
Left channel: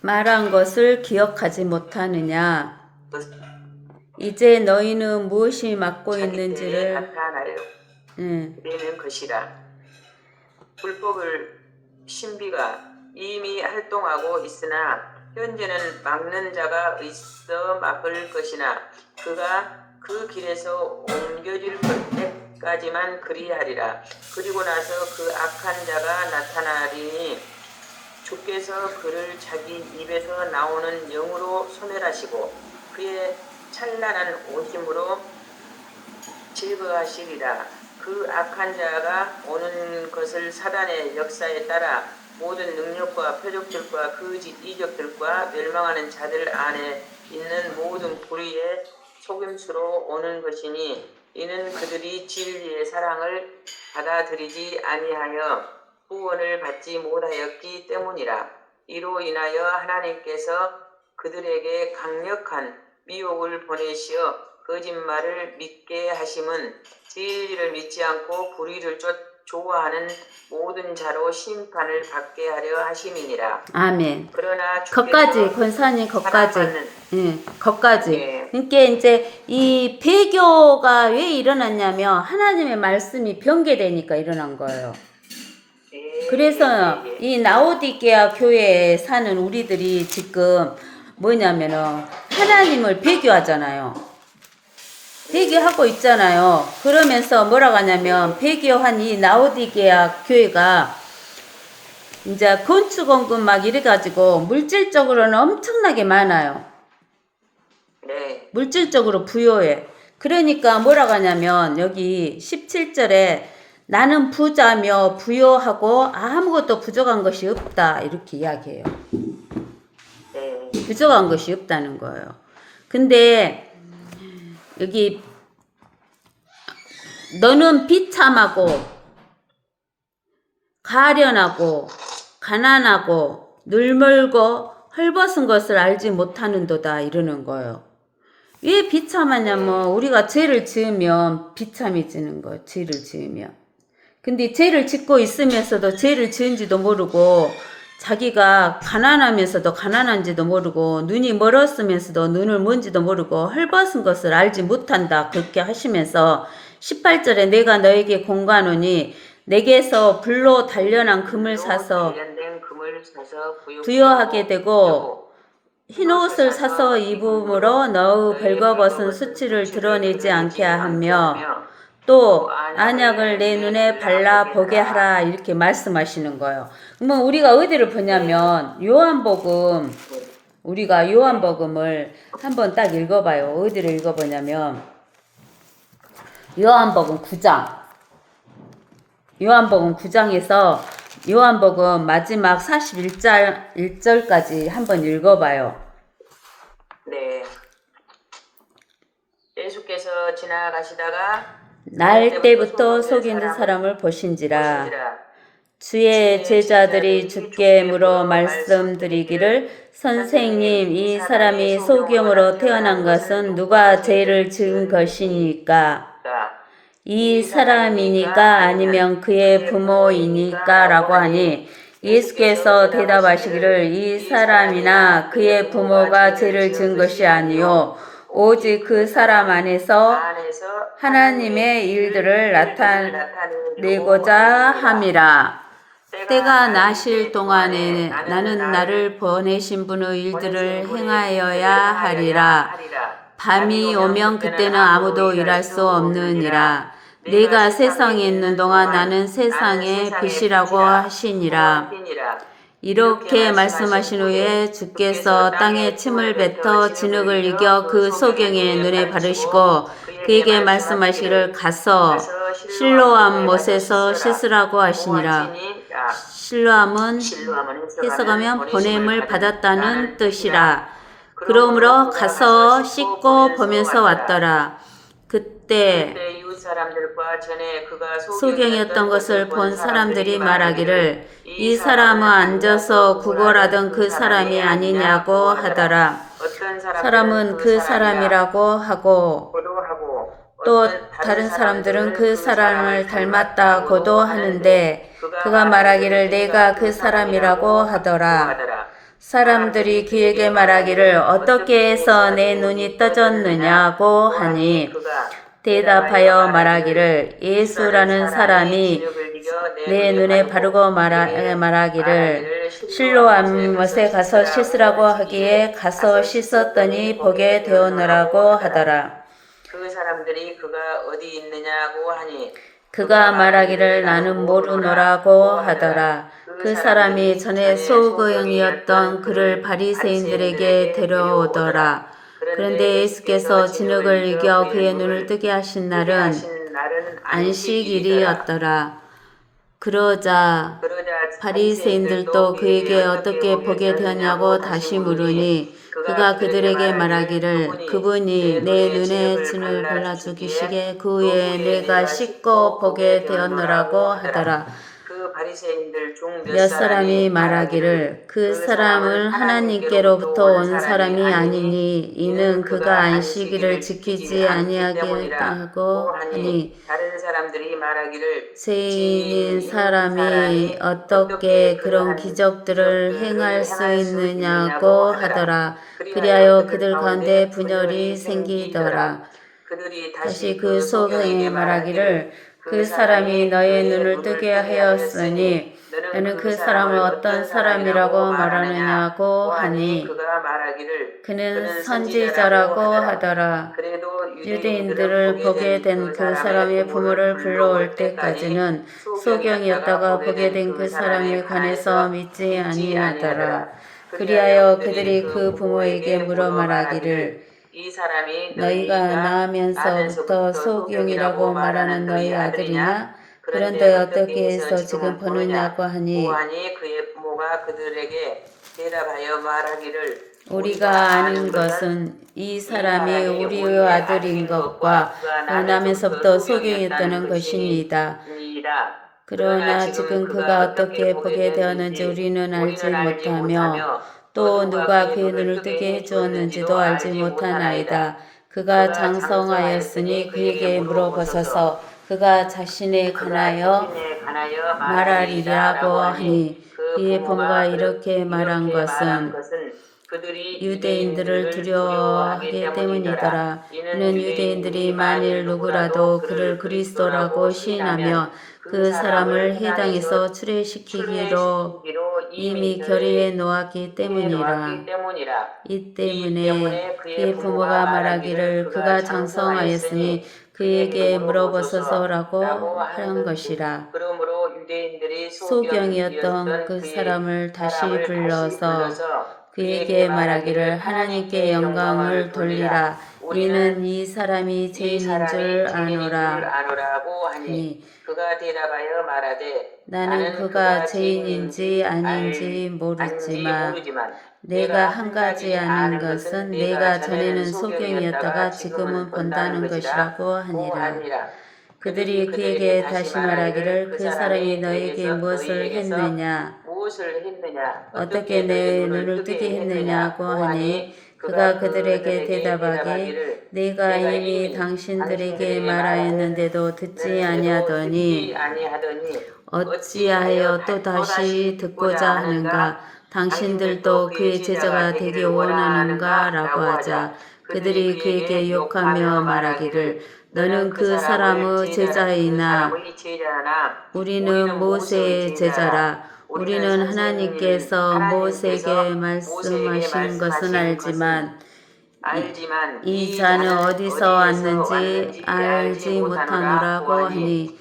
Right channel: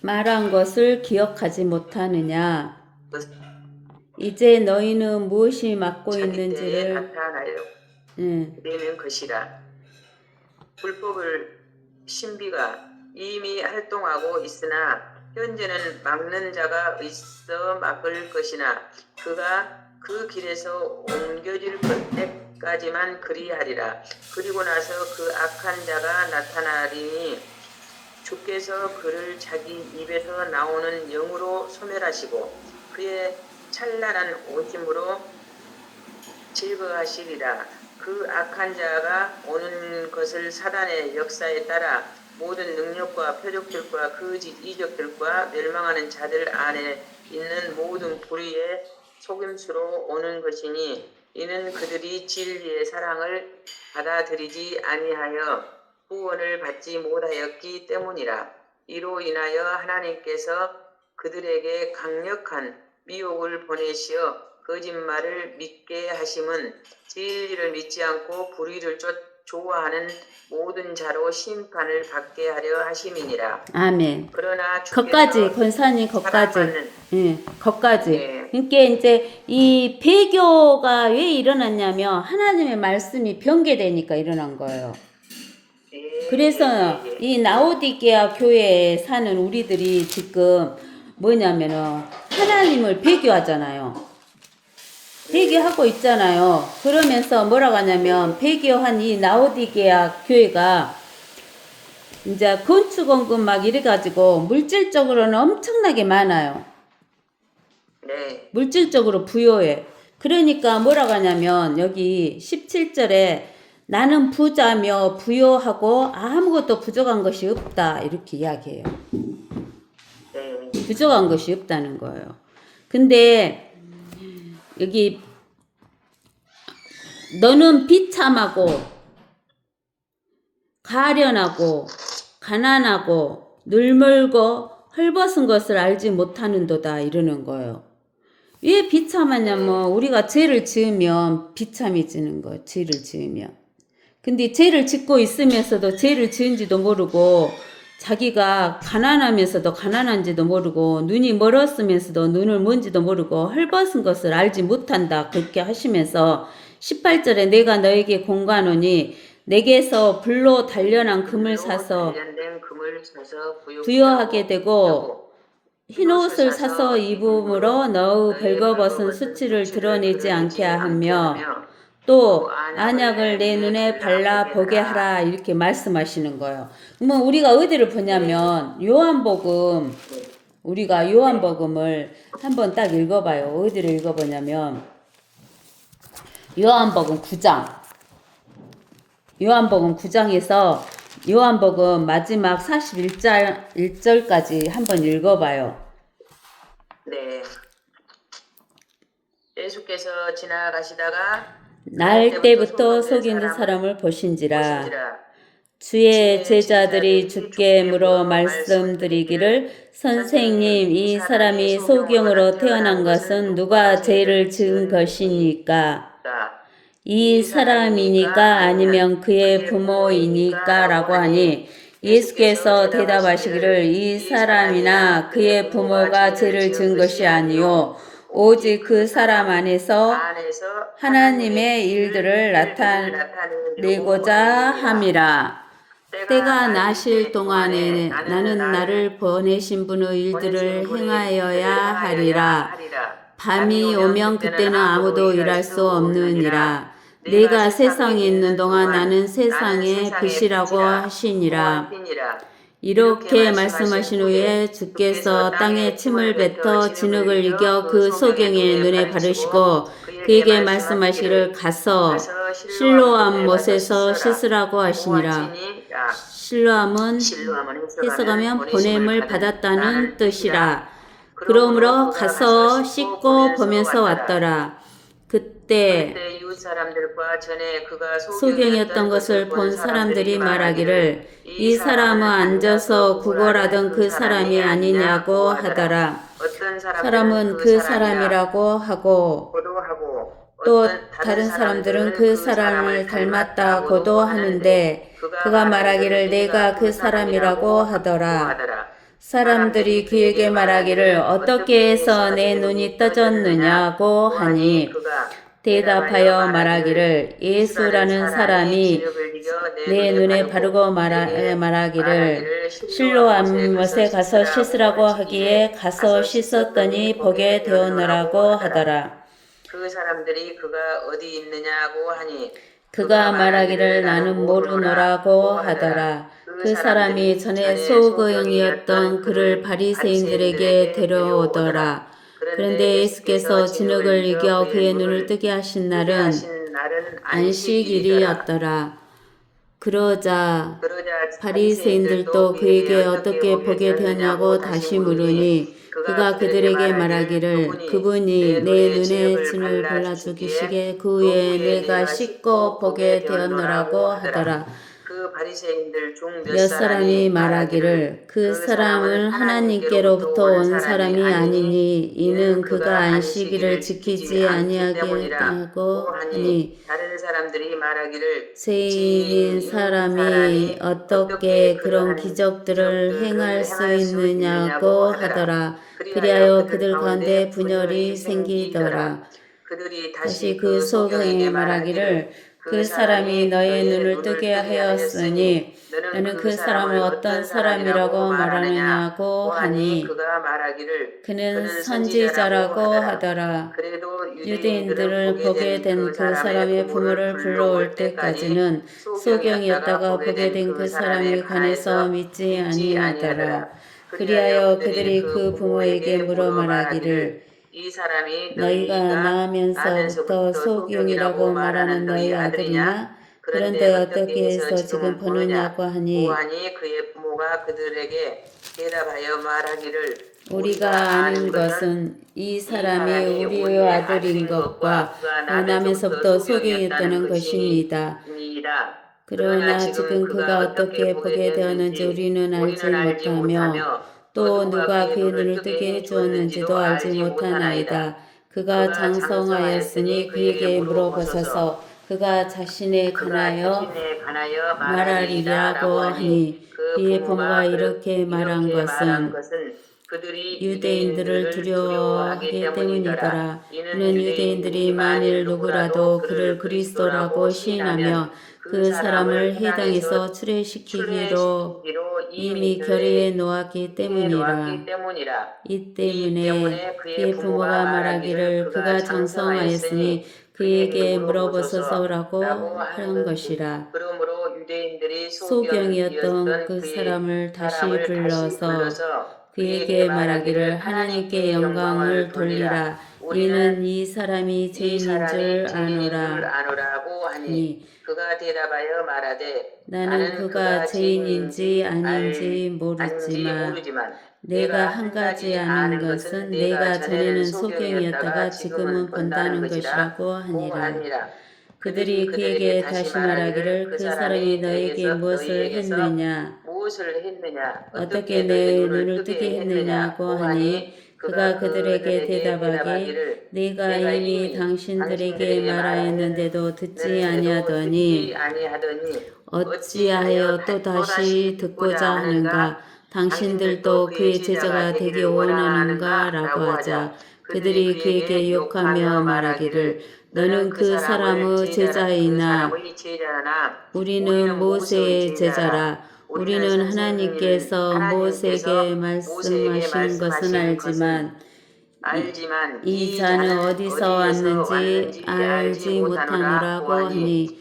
말한 것을 기억하지 못하느냐? 이제 너희는 무엇이 맡고 자기 때에 있는지를 나타나려 내는 것이라. 불법을 신비가 이미 활동하고 있으나 현재는 막는 자가 있어 막을 것이나 그가 그 길에서 옮겨질 때 때까지만 그리하리라. 그리고 나서 그 악한 자가 나타나리니 주께서 그를 자기 입에서 나오는 영으로 소멸하시고 그의 찬란한 오심으로 제거하시리라. 그 악한 자가 오는 것을 사단의 역사에 따라 모든 능력과 표적들과 그 이적들과 멸망하는 자들 안에 있는 모든 불의의 속임수로 오는 것이니 이는 그들이 진리의 사랑을 받아들이지 아니하여 구원을 받지 못하였기 때문이라. 이로 인하여 하나님께서 그들에게 강력한 미혹을 보내시어 거짓말을 믿게 하심은 진리를 믿지 않고 불의를 좋아하는 모든 자로 심판을 받게 하려 하심이니라. 아멘. 그러나 거까지 권사님 거까지. 예, 거까지. 네. 그러니까 이제 이 배교가 왜 일어났냐면 하나님의 말씀이 변개되니까 일어난 거예요. 그래서 이 라오디게아 교회에 사는 우리들이 지금 뭐냐면은 하나님을 배교하잖아요. 배교하고 있잖아요. 그러면서 뭐라고 하냐면 배교한 이 라오디게아 교회가 이제 건축원금 막 이래가지고 물질적으로는 엄청나게 많아요. 네. 물질적으로 부여해. 그러니까 뭐라고 하냐면 여기 17절에 나는 부자며 부여하고 아무것도 부족한 것이 없다 이렇게 이야기해요. 네. 부족한 것이 없다는 거예요. 근데 여기 너는 비참하고 가련하고 가난하고 늘멀고 헐벗은 것을 알지 못하는도다 이러는 거예요. 왜 비참하냐면 우리가 죄를 지으면 비참해지는 거예요. 죄를 지으면. 근데 죄를 짓고 있으면서도 죄를 지은지도 모르고 자기가 가난하면서도 가난한지도 모르고 눈이 멀었으면서도 눈을 뭔지도 모르고 헐벗은 것을 알지 못한다 그렇게 하시면서 18절에 내가 너에게 공가노니 내게서 불로 단련한 금을 사서 부여하게 되고 흰옷을 사서 입음으로 너의 벌거벗은 수치를 드러내지 않게 하며 또 안약을 내 눈에 발라 보게 하라 이렇게 말씀하시는 거예요. 그러면 우리가 어디를 보냐면 요한복음 우리가 요한복음을 한번 딱 읽어봐요. 어디를 읽어보냐면 요한복음 9장 요한복음 9장에서 요한복음 마지막 41절까지 한번 읽어봐요. 네. 예수께서 지나가시다가 날 때부터 속이는 사람을 보신지라 주의 제자들이 주께 물어 말씀드리기를 선생님 이 사람이 소경으로 태어난 것은 누가 죄를 지은 것이니까 이 사람이니까 아니면 그의 부모이니까 라고 하니 예수께서 대답하시기를 이 사람이나 그의 부모가 죄를 지은 것이 아니요 오직 그 사람 안에서 하나님의 일들을 나타내고자 함이라. 때가 나실 동안에 나는 나를 보내신 분의 일들을 행하여야 하리라. 밤이 오면 그때는 아무도 일할 수 없느니라. 내가 세상에 있는 동안 나는 세상의 빛이라고 하시니라. 이렇게 말씀하신 후에 주께서 땅에 침을 뱉어 진흙을 이겨 그 소경의 눈에 바르시고 그에게 말씀하시기를 가서 실로암 못에서 씻으라고 하시니라. 실로암은 해석하면 보냄을 받았다는 뜻이라. 그러므로 가서 씻고 보면서 왔더라. 그때 소경이었던 것을 본 사람들이 말하기를 이 사람은 앉아서 구걸하던 그 사람이 아니냐고 하더라. 사람은 그 사람이라고 하고 또 다른 사람들은 그 사람을 닮았다고도 하는데 그가 말하기를 내가 그 사람이라고 하더라. 사람들이 그에게 말하기를 어떻게 해서 내 눈이 떠졌느냐고 하니 대답하여 말하기를 예수라는 사람이 내 눈에 바르고 말하기를 실로암 못에 가서 씻으라고 하기에 가서 씻었더니 보게 되었느라고 하더라. 사람들이 그가 어디 있느냐고 하니 그가 말하기를 나는 모르노라고 하더라. 그 사람이 전에 소고용이었던 그를 바리새인들에게 데려오더라. 그런데 예수께서 진흙을 이겨 그의 눈을 뜨게 하신 날은 안식일이었더라. 그러자 바리새인들도 그에게 어떻게 보게 되었냐고 다시 물으니 그가 그들에게 말하기를 그분이 내 눈에 진을 발라 죽이시게 그 후에 내가 씻고 보게 되었노라고 하더라. 그 바리새인들 중 몇 사람이 말하기를 그 사람은 하나님께로부터 온 사람이 아니니 이는 그가 안식일을 지키지 아니하겠다고 하니 다른 사람들이 말하기를 죄인인 사람이 어떻게 그런 기적들을 행할 수 있느냐고 하더라. 그리하여 그들 가운데 분열이 생기더라. 다시 그 소경이 말하기를 그 사람이 너의 눈을 뜨게 하였으니 너는 그 사람을 어떤 사람이라고 말하느냐고 하니 그는 선지자라고 하더라. 유대인들을 보게 된 그 사람의 부모를 불러올 때까지는 소경이었다가 보게 된 그 사람에 관해서 믿지 아니하더라. 그리하여 그들이 그 부모에게 물어 말하기를 너희가 낳으면서부터 소경이라고 말하는 너희 아들이냐? 그런데 어떻게 해서 지금 보느냐고 하니 그의 부모가 그들에게 대답하여 말하기를 우리가 아는 것은 이 사람이 우리의 아들인 것과 낳으면서부터 소경이었다는 것입니다. 그러나 지금 그가 어떻게 보게 되었는지 우리는 알지 못하며 또 누가 그의 눈을 뜨게 해주었는지도 알지 못하나이다. 그가 장성하였으니 그에게 물어보소서. 그가 자신에 관하여 말하리라고 하니 그의 부모가 이렇게 말한 것은 유대인들을 두려워하기 때문이더라. 이는 유대인들이 만일 누구라도 그를 그리스도라고 시인하며 그 사람을 해당에서 출애시키기로 이미 결의해 놓았기 때문이라. 이 때문에 그의 부모가 말하기를 그가 장성하였으니 그에게 물어보소서라고 한 것이라. 소경이었던 그 사람을 다시 불러서 그에게 말하기를 하나님께 영광을 돌리라. 이는 이 사람이 죄인인 줄 아노라. 하니 그가 대답하여 말하되 나는 그가 죄인인지 아닌지 모르지만 내가 한 가지 아는 것은 내가 전에는 소경이었다가 지금은 본다는 것이라고 하니라. 그들이 그에게 다시 말하기를 그 사람이 너에게 무엇을 했느냐? 어떻게 내 눈을 뜨게 했느냐고 하니 그가 그들에게 대답하기 내가 이미 당신들에게 말하였는데도 듣지 아니하더니 어찌하여 또 다시 듣고자 하는가? 당신들도 그의 제자가 되기 원하는가? 라고 하자 그들이 그에게 욕하며 말하기를 너는 그 사람의 제자이나 우리는 모세의 제자라. 우리는 하나님께서 모세에게 말씀하신 것은 알지만 이 자는 어디서 왔는지 알지 못하노라고 하니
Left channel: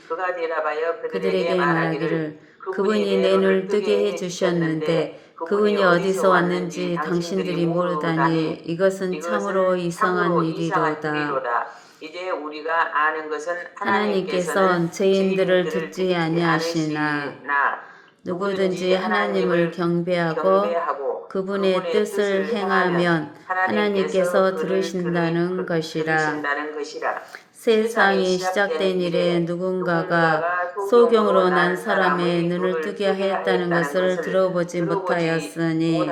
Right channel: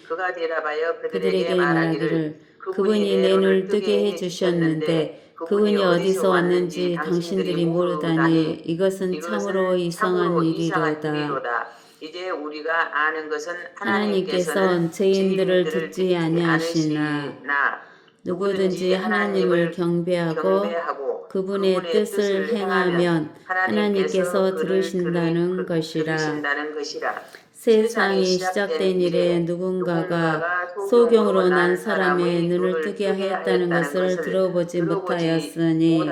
그들에게 말하기를 그분이 내 눈을 뜨게 해주셨는데 그분이 어디서 왔는지 당신들이 모르다니 이것은 참으로 이상한 일이로다. 이제 우리가 아는 것은 하나님께서는 죄인들을 듣지 아니하시나 누구든지 하나님을 경배하고 그분의 뜻을 행하면 하나님께서 들으신다는 것이라. 세상이 시작된 이래 누군가가 소경으로 난 사람의 눈을 뜨게 하였다는 것을 들어보지 못하였으니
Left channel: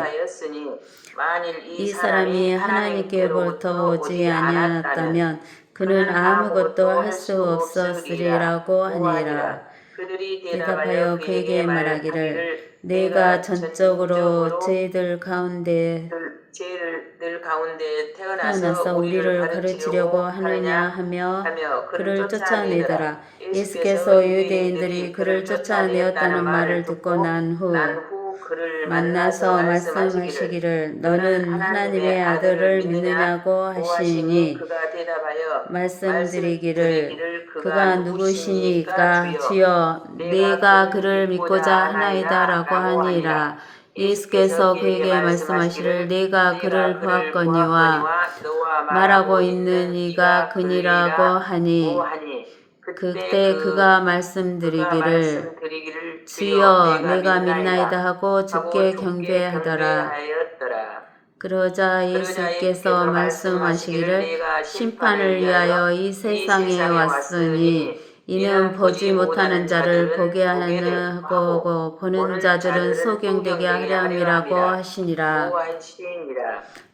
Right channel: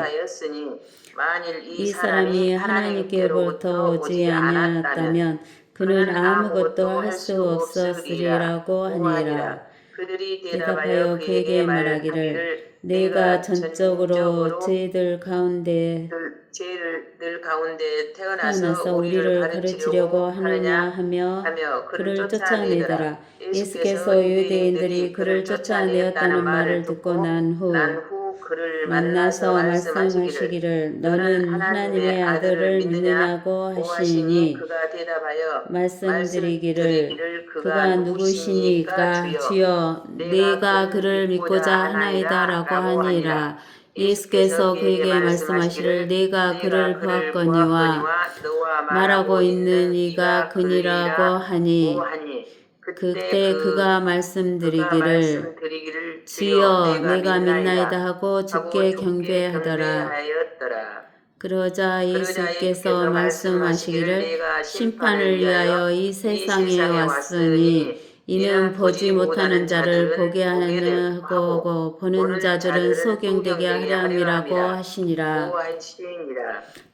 이 사람이 하나님께로부터 오지 아니하였다면 그는 아무것도 할 수 없었으리라고 하니라. 대답하여 그에게 말하기를 내가 전적으로 죄들 가운데 태어나서 우리를 가르치려고 하느냐 하며 그를 쫓아내더라. 예수께서 유대인들이 그를 쫓아내었다는 말을 듣고 난 후 그를 만나서 말씀하시기를 말씀하시기를 너는 하나님의 아들을 믿느냐고 하시니 그가 대답하여 말씀드리기를 그가 누구시니까 주여 내가 그를 믿고자 하나이다라고 하니라. 예수께서 그에게 말씀하시를 내가 그를 보았거니와 말하고 있는 이가 그니라고 하니 그때 그가 말씀드리기를 주여 내가 믿나이다 하고 주께 경배하더라. 그러자 예수께서 말씀하시기를 심판을 위하여 이 세상에 왔으니 이는 보지 못하는 자를 보게 하고 보는 자들은 소경되게 하려 함이라고 하시니라.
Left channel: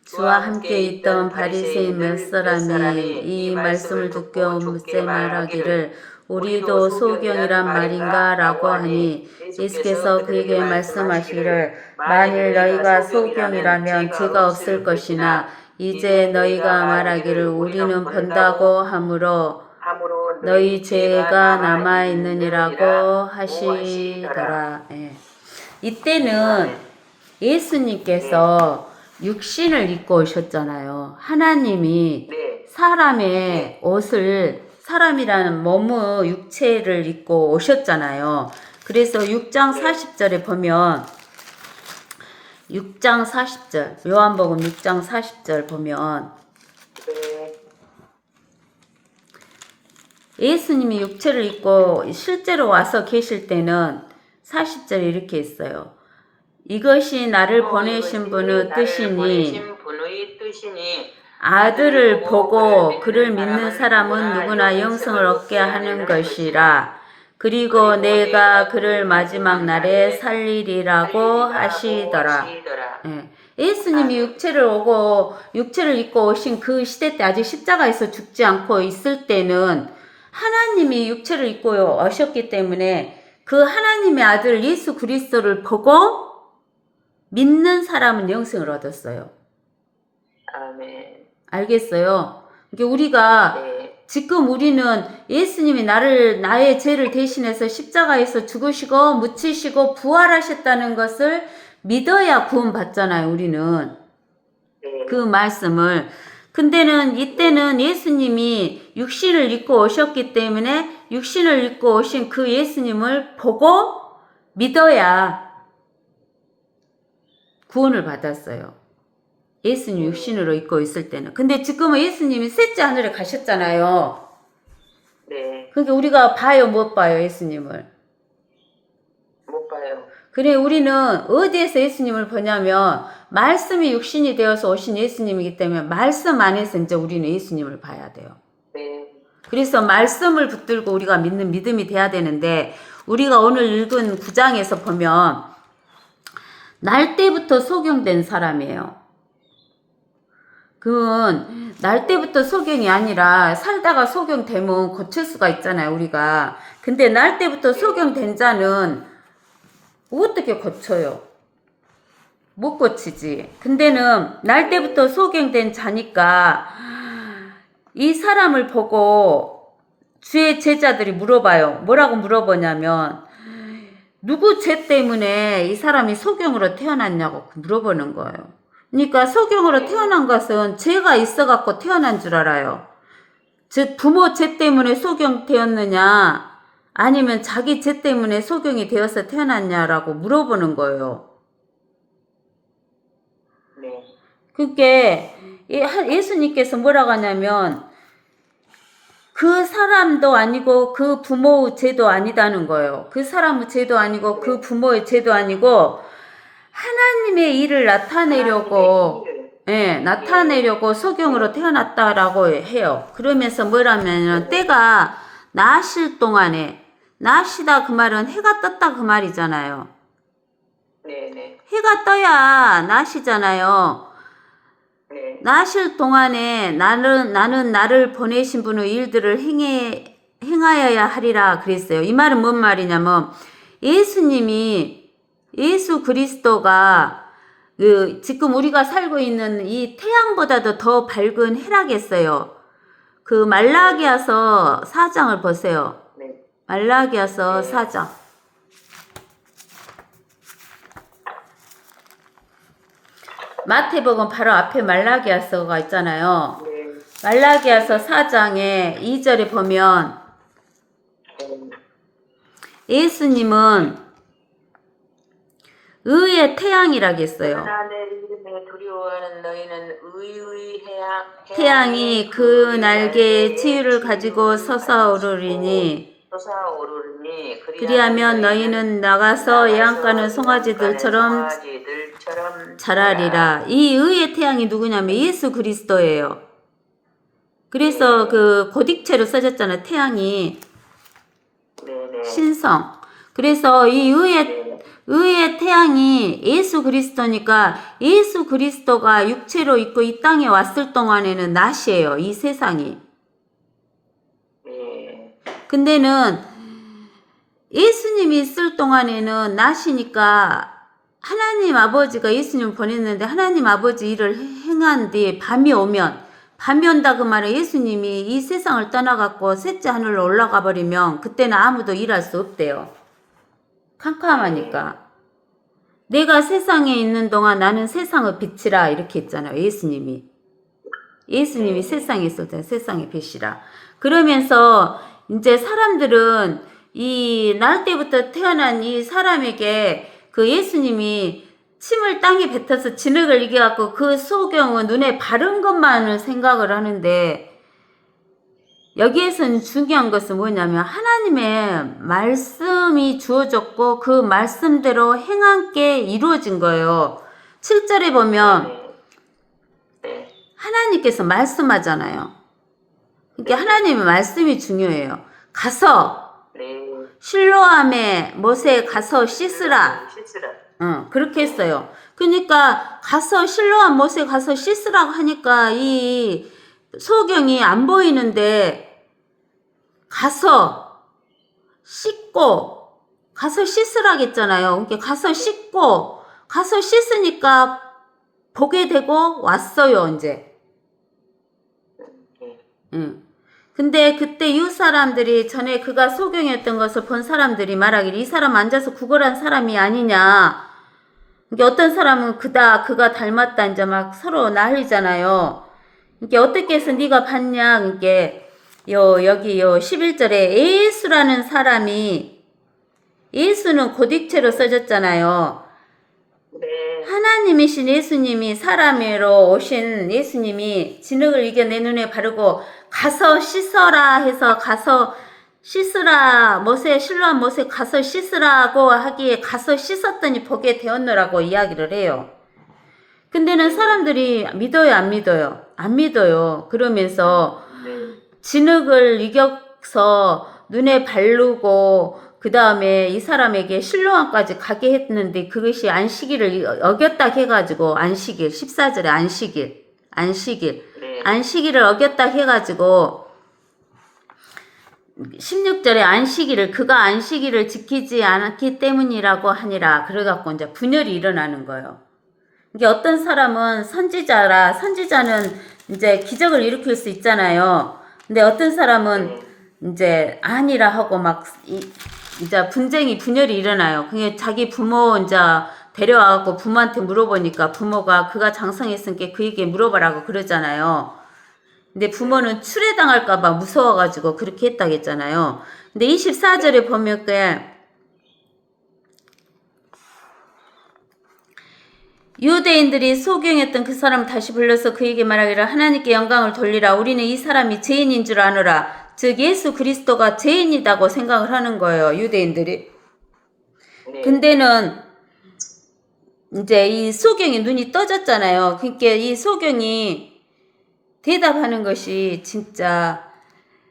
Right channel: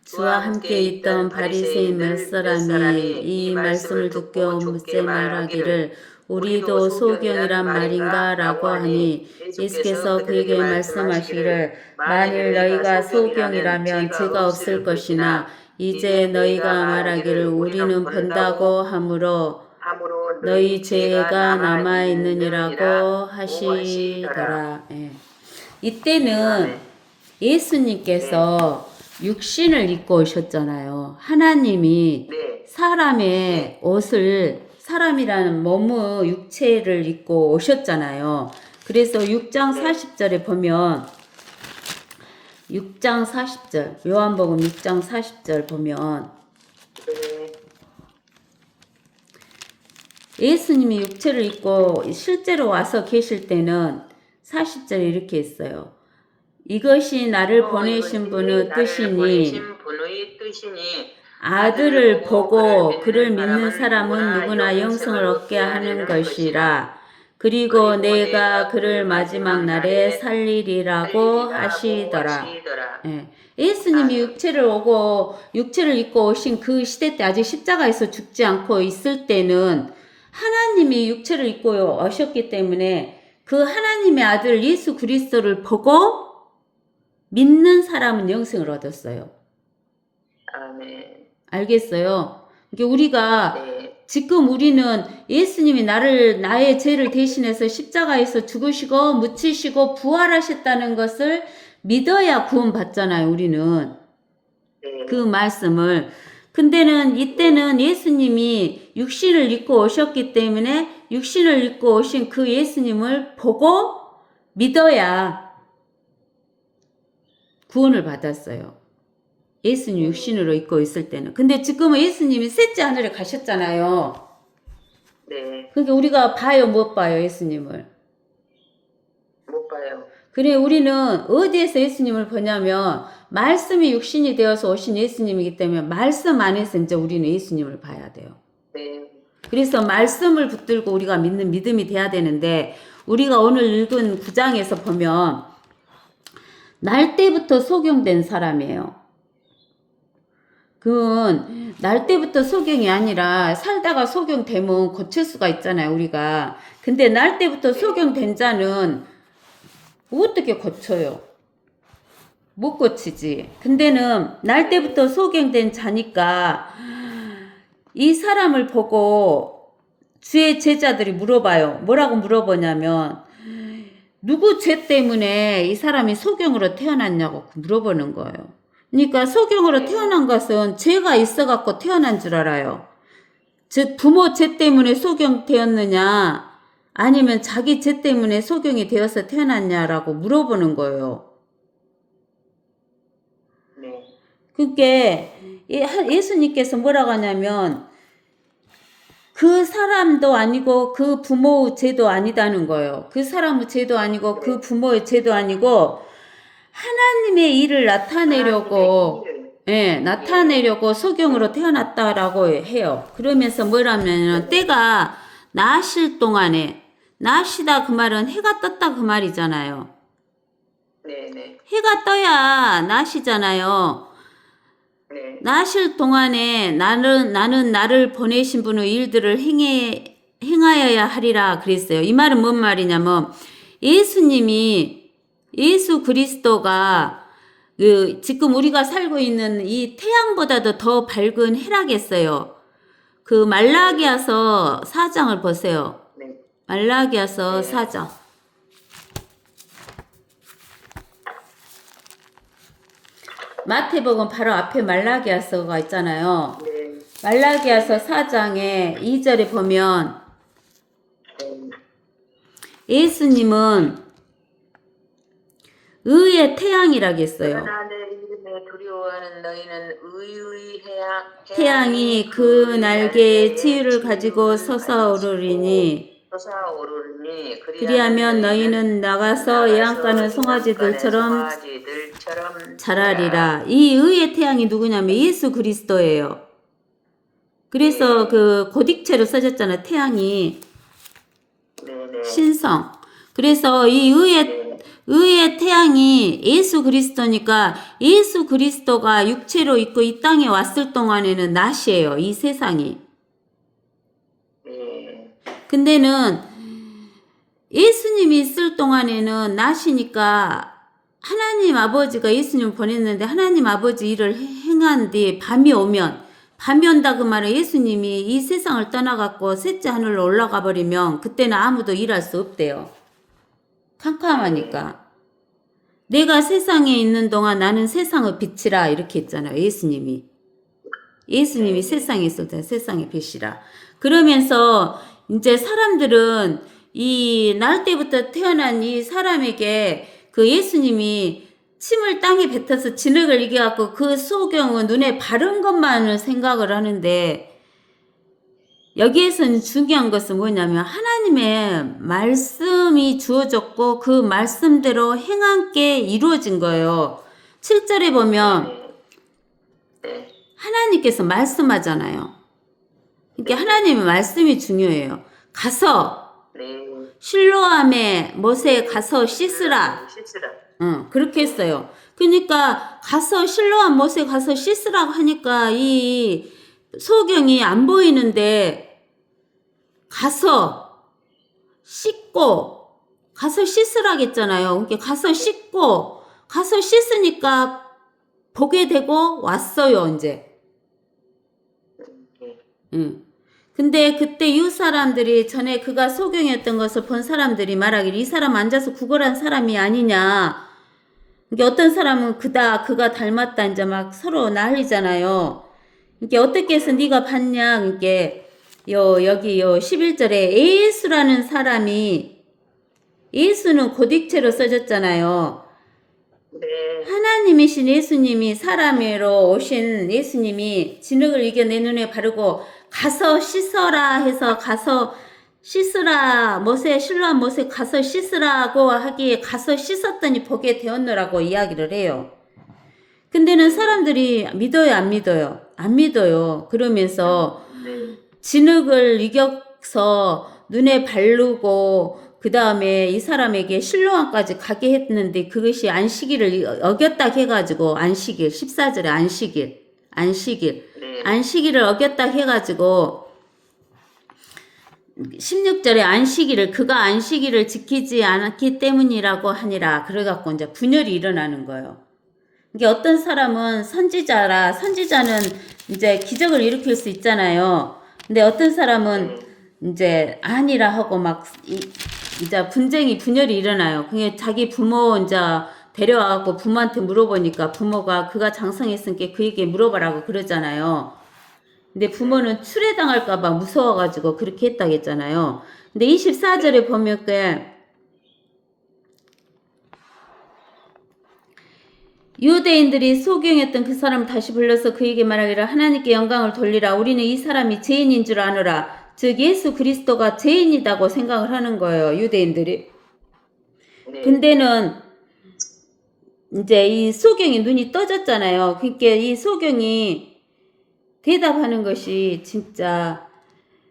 주와 함께 있던 바리새인 몇 사람이 이 말씀을 듣고 묻세 말하기를 우리도 소경이란 말인가 라고 하니 예수께서 그에게 말씀하시기를 만일 너희가 소경이라면 죄가 없을 것이나 이제 너희가 말하기를 우리는 본다고 하므로 너희 죄가 남아있느니라고 하시더라. 예. 이때는 예수님께서 육신을 입고 오셨잖아요. 하나님이 사람의 옷을 사람이라는 몸의 육체를 입고 오셨잖아요. 그래서 6장 40절에 보면 6장 40절 요한복음 6장 40절 보면 예수님이 육체를 입고 실제로 와서 계실 때는 40절에 이렇게 있어요. 이것이 나를 보내신 분의 뜻이니 아들을 보고 그를 믿는 사람은 누구나 영생을 얻게 하는 것이라. 그리고 내가 그를 마지막 날에 살리리라고 하시더라. 예. 예수님이 육체를 입고 오신 그 시대 때 아직 십자가에서 죽지 않고 있을 때는 하나님이 육체를 입고 오셨기 때문에 그 하나님의 아들 예수 그리스도를 보고 믿는 사람은 영생을 얻었어요. 아멘. 알겠어요? 그러니까 우리가 지금 우리는 예수님이 나의 죄를 대신해서 십자가에서 죽으시고 묻히시고 부활하셨다는 것을 믿어야 구원받잖아요, 우리는. 그 말씀을. 근데는 이때는 예수님이 육신을 입고 오셨기 때문에 육신을 입고 오신 그 예수님을 보고 믿어야 구원을 받았어요. 예수님 육신으로 입고 있을 때는. 근데 지금은 예수님이 셋째 하늘에 가셨잖아요. 그러니까 우리가 봐요, 못 봐요, 예수님을? 못 봐요. 그래, 우리는 어디에서 예수님을 보냐면 말씀이 육신이 되어서 오신 예수님이기 때문에 말씀 안에서 이제 우리는 예수님을 봐야 돼요. 그래서 말씀을 붙들고 우리가 믿는 믿음이 돼야 되는데 우리가 오늘 읽은 9장에서 보면 날 때부터 소경된 사람이에요. 그건 날 때부터 소경이 아니라 살다가 소경되면 고칠 수가 있잖아요, 우리가. 근데 날 때부터 소경된 자는 어떻게 고쳐요? 못 고치지. 근데는 날 때부터 소경된 자니까 이 사람을 보고 주의 제자들이 물어봐요. 뭐라고 물어보냐면 누구 죄 때문에 이 사람이 소경으로 태어났냐고 물어보는 거예요. 그러니까 소경으로 태어난 것은 죄가 있어갖고 태어난 줄 알아요. 즉 부모 죄 때문에 소경 되었느냐 아니면 자기 죄 때문에 소경이 되어서 태어났냐라고 물어보는 거예요. 그러니까 예수님께서 뭐라고 하냐면 그 사람도 아니고 그 부모의 죄도 아니다는 거예요. 그 사람의 죄도 아니고 그 부모의 죄도 아니고 하나님의 일을 나타내려고 나타내려고 소경으로 태어났다라고 해요. 그러면서 뭐라면 때가 나실 동안에 나시다 그 말은 해가 떴다 그 말이잖아요. 해가 떠야 나시잖아요. 나실 동안에 나는 나를 보내신 분의 일들을 행하여야 하리라 그랬어요. 이 말은 뭔 말이냐면 예수 그리스도가 지금 우리가 살고 있는 이 태양보다도 더 밝은 해라겠어요. 그 말라기야서 4장을 보세요. 말라기야서 4장. 마태복음 바로 앞에 말라기야서가 있잖아요. 네. 말라기야서 4장에 2절에 보면 예수님은 의의 태양이라겠어요. 하나님의 이름에 두려워하는 너희는 의의 태양이 그 날개에 치유를 가지고 솟아오르리니 그리하면 너희는 나가서 양가는 송아지들처럼 자라리라. 이 의의 태양이 누구냐면 예수 그리스도예요. 그래서 그 고딕체로 써졌잖아요. 태양이 신성. 그래서 이 의의 태양이 예수 그리스도니까 예수 그리스도가 육체로 있고 이 땅에 왔을 동안에는 낮이에요. 이 세상이. 근데는 예수님이 있을 동안에는 낮이니까 하나님 아버지가 예수님을 보냈는데 하나님 아버지 일을 행한 뒤에 밤이 온다 그 말은 예수님이 이 세상을 떠나갖고 셋째 하늘로 올라가 버리면 그때는 아무도 일할 수 없대요. 캄캄하니까. 내가 세상에 있는 동안 나는 세상의 빛이라 이렇게 했잖아요. 예수님이 세상에 있을 때 세상의 빛이라. 그러면서 이제 사람들은 이 날 때부터 태어난 이 사람에게 그 예수님이 침을 땅에 뱉어서 진흙을 이겨갖고 그 소경은 눈에 바른 것만을 생각을 하는데 여기에서는 중요한 것은 뭐냐면 하나님의 말씀이 주어졌고 그 말씀대로 행한 게 이루어진 거예요. 7절에 보면 하나님께서 말씀하잖아요. 그러니까 하나님의 말씀이 중요해요. 가서 실로암에 못에 가서 씻으라. 그렇게 했어요. 그러니까 가서 실로암 못에 가서 씻으라고 하니까 이 소경이 안 보이는데 가서 씻고 가서 씻으라겠잖아요. 그러니까 가서 씻고 가서 씻으니까 보게 되고 왔어요. 이제. 근데 그때 이웃 사람들이 전에 그가 소경이었던 것을 본 사람들이 말하기를 이 사람 앉아서 구걸한 사람이 아니냐. 이게 어떤 사람은 그가 닮았다 이제 막 서로 난리잖아요. 이게 어떻게 해서 네가 봤냐. 이게 여기 11절에 예수라는 사람이 예수는 고딕체로 써졌잖아요. 하나님이신 예수님이 사람으로 오신 예수님이 진흙을 이겨 내 눈에 바르고 가서 씻어라 해서 가서 씻으라 실로암 못에 가서 씻으라고 하기에 가서 씻었더니 보게 되었노라고 이야기를 해요. 근데는 사람들이 믿어요 안 믿어요? 안 믿어요. 그러면서 진흙을 이겨서 눈에 바르고 그 다음에 이 사람에게 실로암까지 가게 했는데 그것이 안식일을 어겼다 해가지고 안식일 14절에 안식일을 어겼다 해가지고 16절에 안식일을 그가 안식일을 지키지 않았기 때문이라고 하니라. 그래갖고 이제 분열이 일어나는 거예요. 이게 어떤 사람은 선지자는 이제 기적을 일으킬 수 있잖아요. 근데 어떤 사람은 이제 아니라 하고 막 이제 분열이 일어나요. 그게 자기 부모 이제 데려와갖고 부모한테 물어보니까 부모가 그가 장성했으니까 그에게 물어봐라고 그러잖아요. 근데 부모는 추례당할까봐 무서워가지고 그렇게 했다고 했잖아요. 근데 24절에 보면 유대인들이 소경했던 그 사람을 다시 불러서 그에게 말하기를 하나님께 영광을 돌리라. 우리는 이 사람이 죄인인 줄 아노라. 즉 예수 그리스도가 죄인이라고 생각을 하는 거예요. 유대인들이. 근데는 이제 이 소경이 눈이 떠졌잖아요. 그러니까 이 소경이 대답하는 것이 진짜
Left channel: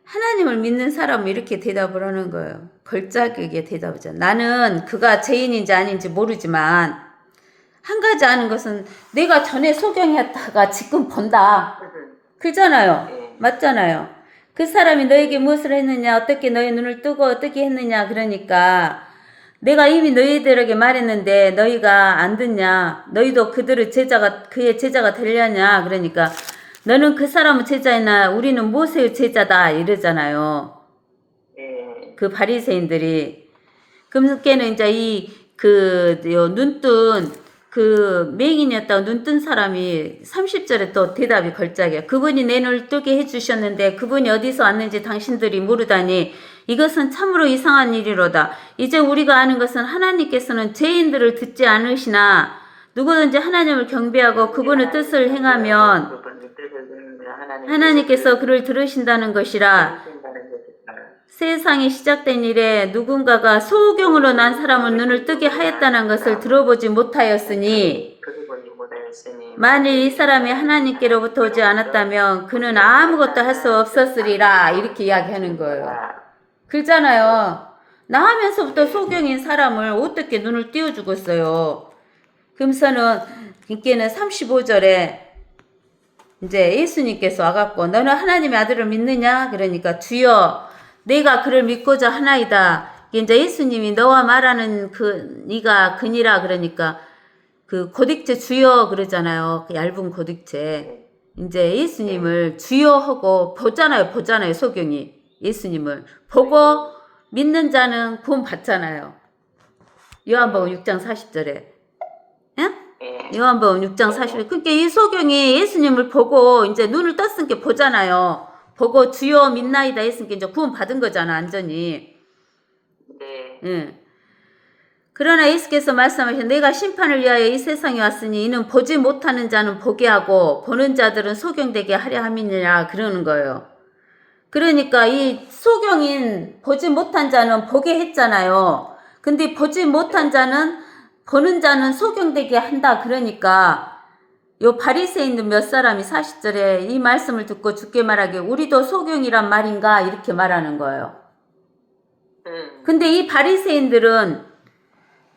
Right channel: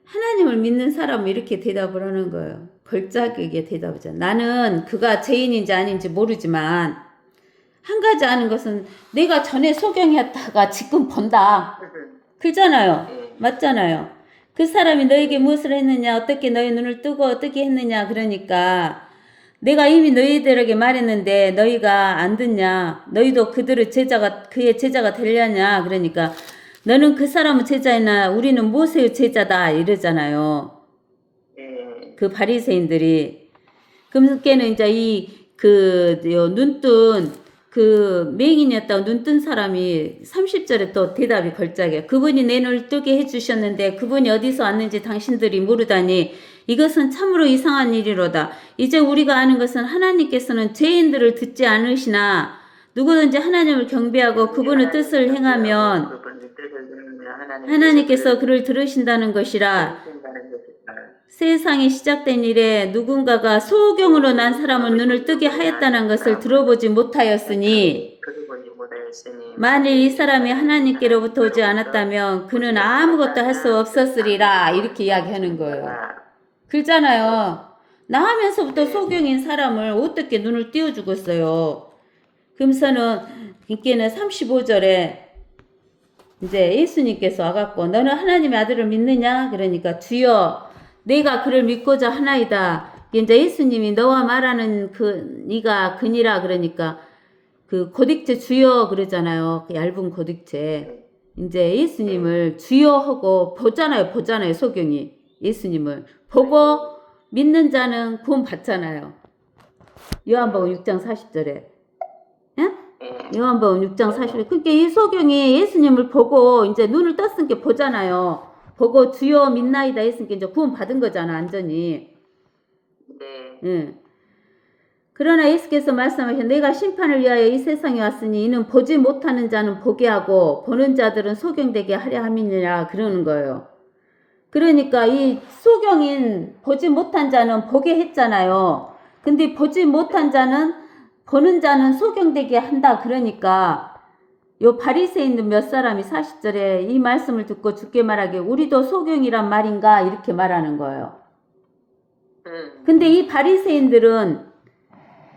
하나님을 믿는 사람은 이렇게 대답을 하는 거예요. 걸작하게 대답하죠. 나는 그가 죄인인지 아닌지 모르지만 한 가지 아는 것은 내가 전에 소경이었다가 지금 본다. 그잖아요. 맞잖아요. 그 사람이 너에게 무엇을 했느냐, 어떻게 너의 눈을 뜨고 어떻게 했느냐. 그러니까 내가 이미 너희들에게 말했는데 너희가 안 듣냐. 너희도 그의 제자가 되려냐. 그러니까 너는 그 사람의 제자이나 우리는 모세의 제자다 이러잖아요. 그 바리새인들이. 그러니까는 이제 눈뜬 그 맹인이었다고 눈 뜬 사람이 30절에 또 대답이 걸작이야. 그분이 내 눈을 뜨게 해주셨는데 그분이 어디서 왔는지 당신들이 모르다니 이것은 참으로 이상한 일이로다. 이제 우리가 아는 것은 하나님께서는 죄인들을 듣지 않으시나 누구든지 하나님을 경배하고 그분의 뜻을 행하면 하나님께서 그를 들으신다는 것이라. 세상이 시작된 이래 누군가가 소경으로 난 사람은 눈을 뜨게 하였다는 것을 들어보지 못하였으니 만일 이 사람이 하나님께로부터 오지 않았다면 그는 아무것도 할 수 없었으리라. 이렇게 이야기하는 거예요. 그렇잖아요. 나하면서부터 소경인 사람을 어떻게 눈을 띄워주고 있어요. 그러면서는 이께는 35절에 이제 예수님께서 와갖고 너는 하나님의 아들을 믿느냐? 그러니까 주여 내가 그를 믿고자 하나이다. 이제 예수님이 너와 말하는 네가 그니라 그러니까 그 고딕체 주여 그러잖아요. 그 얇은 고딕체. 이제 예수님을 주여 하고 보잖아요. 소경이 예수님을 보고 믿는 자는 구원 받잖아요. 요한복음 6장 40절에. 예? 요한복음 6장 40절. 그러니까 이 소경이 예수님을 보고 이제 눈을 떴으니까 보잖아요. 보고 주여 믿나이다 했으니까 이제 구원 받은 거잖아, 완전히. 네. 예. 그러나 예수께서 말씀하신 내가 심판을 위하여 이 세상에 왔으니 이는 보지 못하는 자는 보게 하고 보는 자들은 소경되게 하려 함이니라 그러는 거예요. 그러니까 이 소경인 보지 못한 자는 보게 했잖아요. 근데 보지 못한 자는 보는 자는 소경되게 한다. 그러니까 요 바리새인들 몇 사람이 40절에 이 말씀을 듣고 주께 말하기를 우리도 소경이란 말인가 이렇게 말하는 거예요. 근데 이 바리새인들은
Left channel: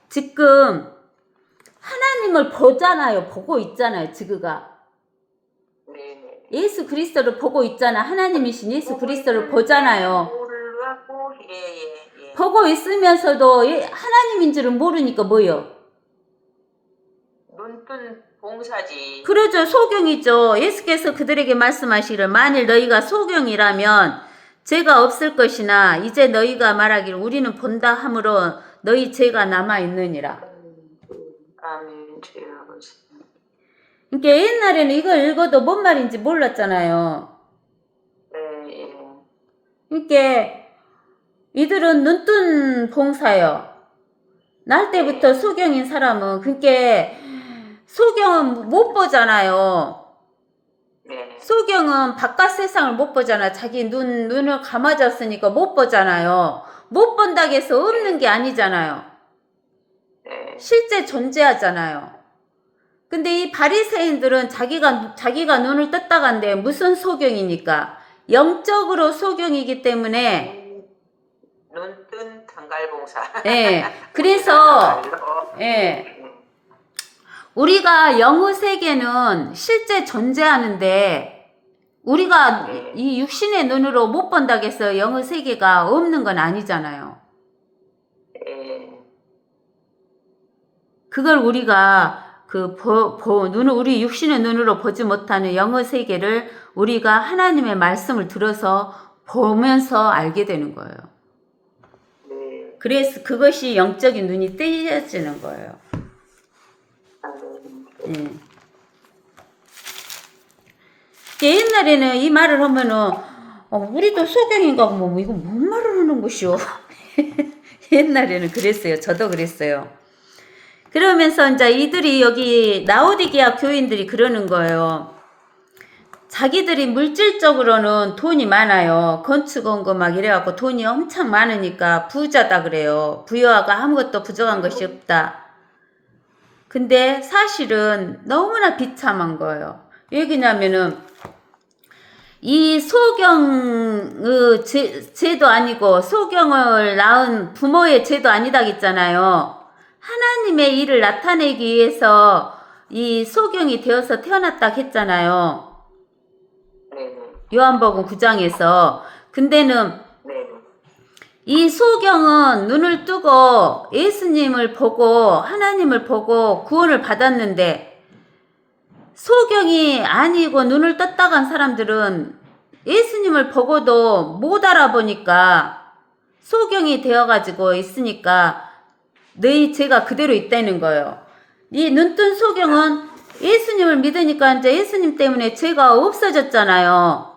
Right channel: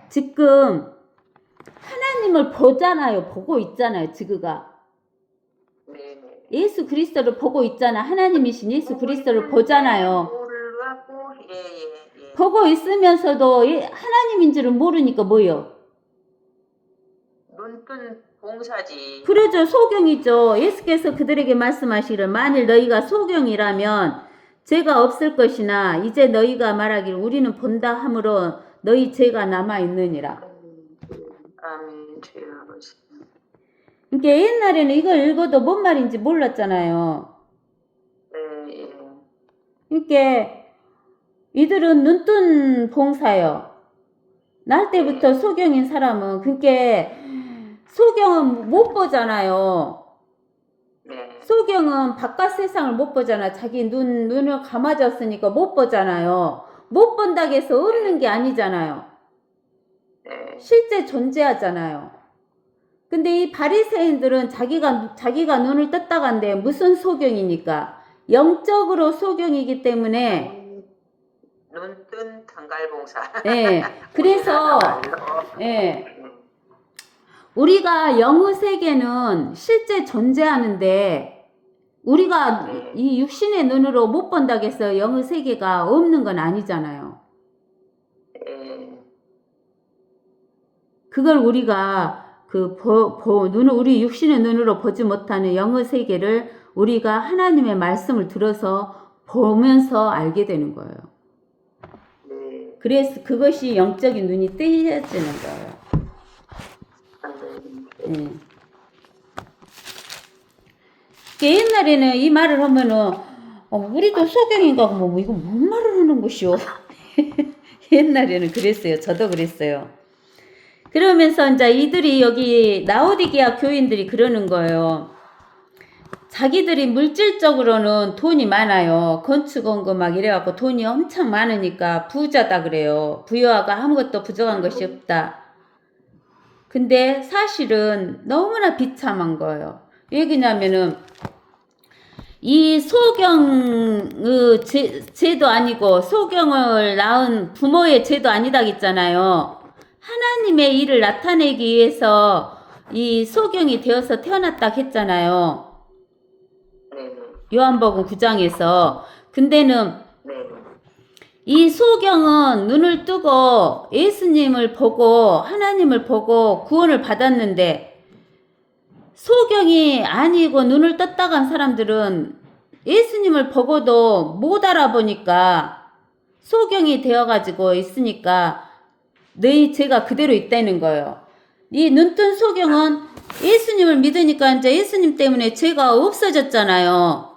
지금 하나님을 보잖아요. 보고 있잖아요. 지그가. 예수 그리스도를 보고 있잖아. 하나님이신 예수 그리스도를 보잖아요. 보고 있으면서도 하나님인 줄은 모르니까 뭐요? 눈뜬 봉사지. 그러죠. 소경이죠. 예수께서 그들에게 말씀하시기를 만일 너희가 소경이라면 죄가 없을 것이나 이제 너희가 말하기를 우리는 본다 함으로 너희 죄가 남아있느니라. 아멘. 주여 아버지. 그러니까 옛날에는 이걸 읽어도 뭔 말인지 몰랐잖아요. 네. 그러니까 이들은 눈뜬 봉사요. 날 때부터 소경인 사람은 그러니까 소경은 못 보잖아요. 네. 소경은 바깥 세상을 못 보잖아. 자기 눈을 감아졌으니까 못 보잖아요. 못 본다고 해서 없는 게 아니잖아요. 네. 실제 존재하잖아요. 근데 이 바리새인들은 자기가 눈을 떴다간데 무슨 소경이니까 영적으로 소경이기 때문에 눈뜬 단갈봉사. 예. 그래서 예. 우리가 영의 세계는 실제 존재하는데 우리가 이 육신의 눈으로 못 본다고 해서 영의 세계가 없는 건 아니잖아요. 그걸 우리가 우리 육신의 눈으로 보지 못하는 영의 세계를 우리가 하나님의 말씀을 들어서 보면서 알게 되는 거예요. 그래서 그것이 영적인 눈이 뜨여지는 거예요. 옛날에는 이 말을 하면은 우리도 소경인가 뭐 이거 뭔 말을 하는 것이오. 옛날에는 그랬어요. 저도 그랬어요. 그러면서 이제 이들이 여기 라오디게아 교인들이 그러는 거예요. 자기들이 물질적으로는 돈이 많아요. 건축한 거 막 이래갖고 돈이 엄청 많으니까 부자다 그래요. 부여하고 아무것도 부족한 것이 없다. 근데 사실은 너무나 비참한 거예요. 왜냐면은 이 소경의 죄도 아니고 소경을 낳은 부모의 죄도 아니다고 했잖아요. 하나님의 일을 나타내기 위해서 이 소경이 되어서 태어났다고 했잖아요. 요한복음 9장에서. 근데는 이 소경은 눈을 뜨고 예수님을 보고 하나님을 보고 구원을 받았는데 소경이 아니고 눈을 떴다 간 사람들은 예수님을 보고도 못 알아보니까 소경이 되어가지고 있으니까 너희 죄가 그대로 있다는 거예요. 이 눈뜬 소경은 예수님을 믿으니까 이제 예수님 때문에 죄가 없어졌잖아요.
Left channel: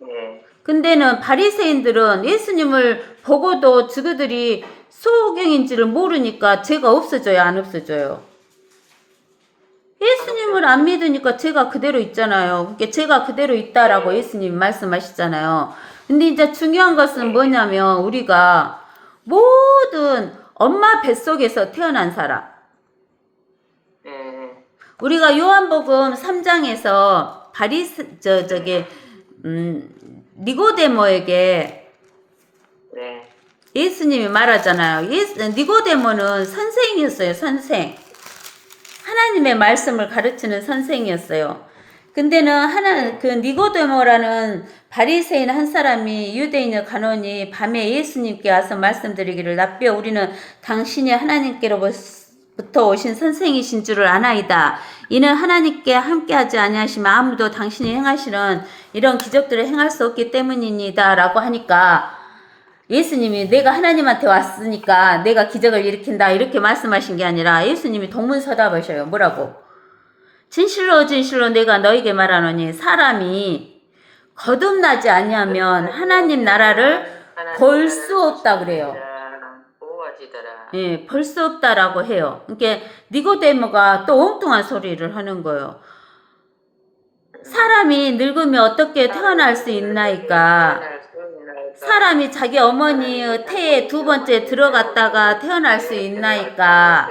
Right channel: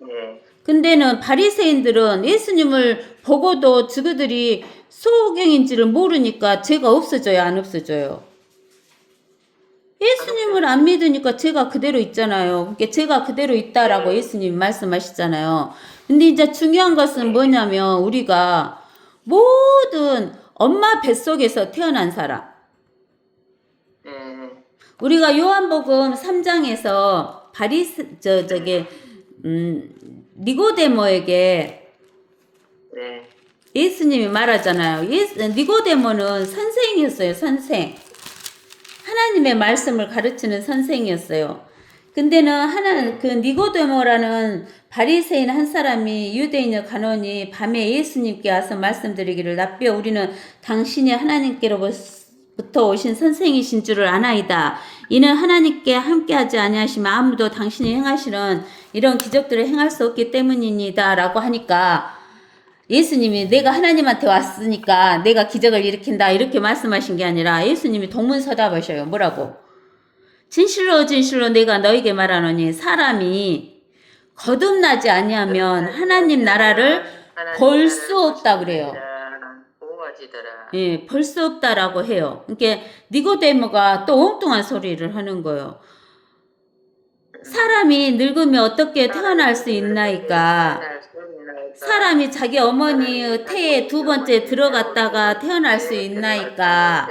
네. 근데는 바리새인들은 예수님을 보고도 저그들이 소경인지를 모르니까 죄가 없어져요, 안 없어져요? 예수님을 안 믿으니까 죄가 그대로 있잖아요. 그러니까 죄가 그대로 있다라고 예수님이 말씀하시잖아요. 근데 이제 중요한 것은 뭐냐면 우리가 모든 엄마 뱃속에서 태어난 사람. 네. 우리가 요한복음 3장에서 니고데모에게 네. 예수님이 말하잖아요. 니고데모는 선생이었어요, 선생. 하나님의 말씀을 가르치는 선생이었어요. 근데는 그 니고데모라는 바리새인 한 사람이 유대인의 간원이 밤에 예수님께 와서 말씀드리기를 라삐어 우리는 당신이 하나님께로부터 오신 선생이신 줄을 아나이다. 이는 하나님께 함께하지 아니하시면 아무도 당신이 행하시는 이런 기적들을 행할 수 없기 때문입니다. 라고 하니까 예수님이 내가 하나님한테 왔으니까 내가 기적을 일으킨다 이렇게 말씀하신 게 아니라 예수님이 동문서답하셔요. 뭐라고? 진실로 진실로 내가 너에게 말하노니 사람이 거듭나지 아니하면 하나님 나라를 볼 수 없다 그래요. 예, 볼 수 없다라고 해요. 그러니까 니고데모가 또 엉뚱한 소리를 하는 거예요. 사람이 늙으면 어떻게 태어날 수 있나이까? 사람이 자기 어머니의 태에 두 번째 들어갔다가 태어날 수 있나이까?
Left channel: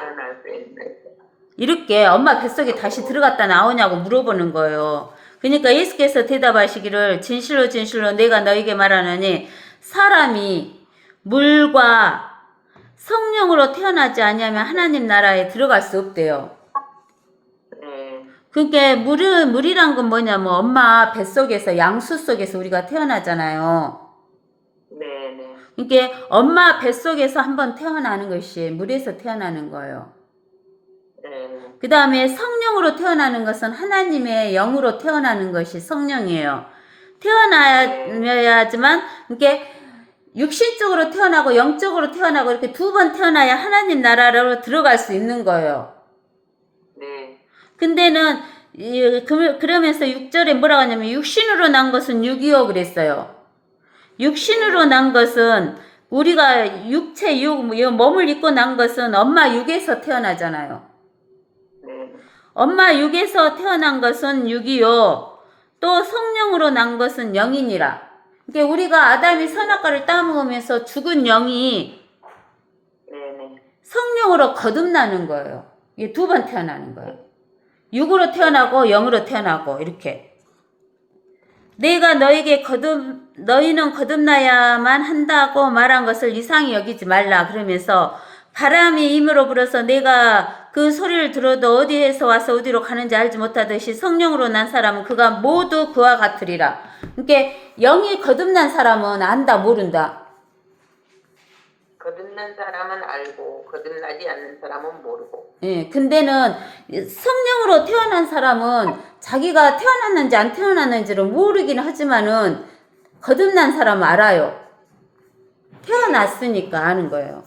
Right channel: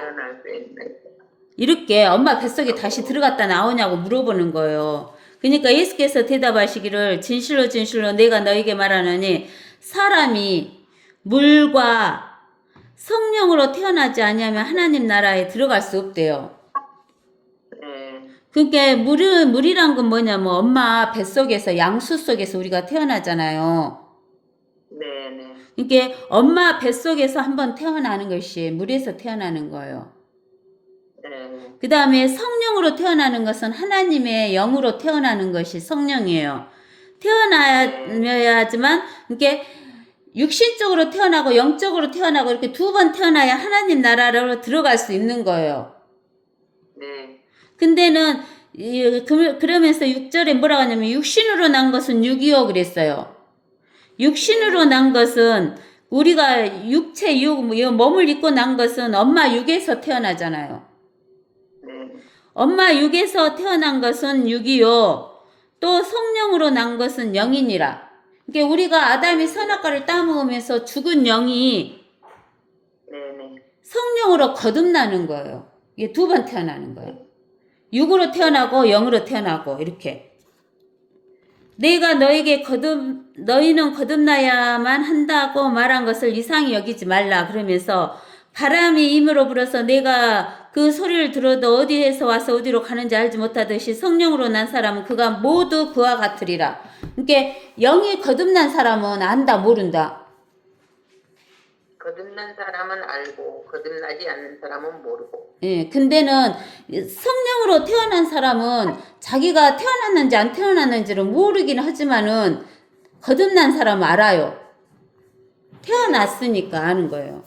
이렇게 엄마 뱃속에 다시 들어갔다 나오냐고 물어보는 거예요. 그러니까 예수께서 대답하시기를 진실로 진실로 내가 너에게 말하노니 사람이 물과 성령으로 태어나지 아니하면 하나님 나라에 들어갈 수 없대요. 그러니까 물이란 건 뭐냐면 엄마 뱃속에서 양수 속에서 우리가 태어나잖아요. 네. 그러니까 엄마 뱃속에서 한번 태어나는 것이 물에서 태어나는 거예요. 그 다음에 성령으로 태어나는 것은 하나님의 영으로 태어나는 것이 성령이에요. 태어나야지만 이렇게 육신적으로 태어나고 영적으로 태어나고 이렇게 두 번 태어나야 하나님 나라로 들어갈 수 있는 거예요. 네. 근데는 그러면서 6절에 뭐라고 하냐면 육신으로 난 것은 6이요 그랬어요. 육신으로 난 것은 우리가 육체 몸을 입고 난 것은 엄마 육에서 태어나잖아요. 네. 엄마 육에서 태어난 것은 6이요. 또 성령으로 난 것은 영이니라. 그러니까 우리가 아담이 선악과를 따먹으면서 죽은 영이 성령으로 거듭나는 거예요. 이게 두 번 태어나는 거예요. 육으로 태어나고 영으로 태어나고 이렇게. 내가 너희는 거듭나야만 한다고 말한 것을 이상히 여기지 말라. 그러면서 바람이 임으로 불어서 내가 그 소리를 들어도 어디에서 와서 어디로 가는지 알지 못하듯이 성령으로 난 사람은 그가 모두 그와 같으리라. 그러니까 영이 거듭난 사람은 안다 모른다. 거듭난 사람은 알고 거듭나지 않는 사람은 모르고. 예, 근데는 성령으로 태어난 사람은 자기가 태어났는지 안 태어났는지를 모르긴 하지만은 거듭난 사람은 알아요. 태어났으니까 아는 거예요.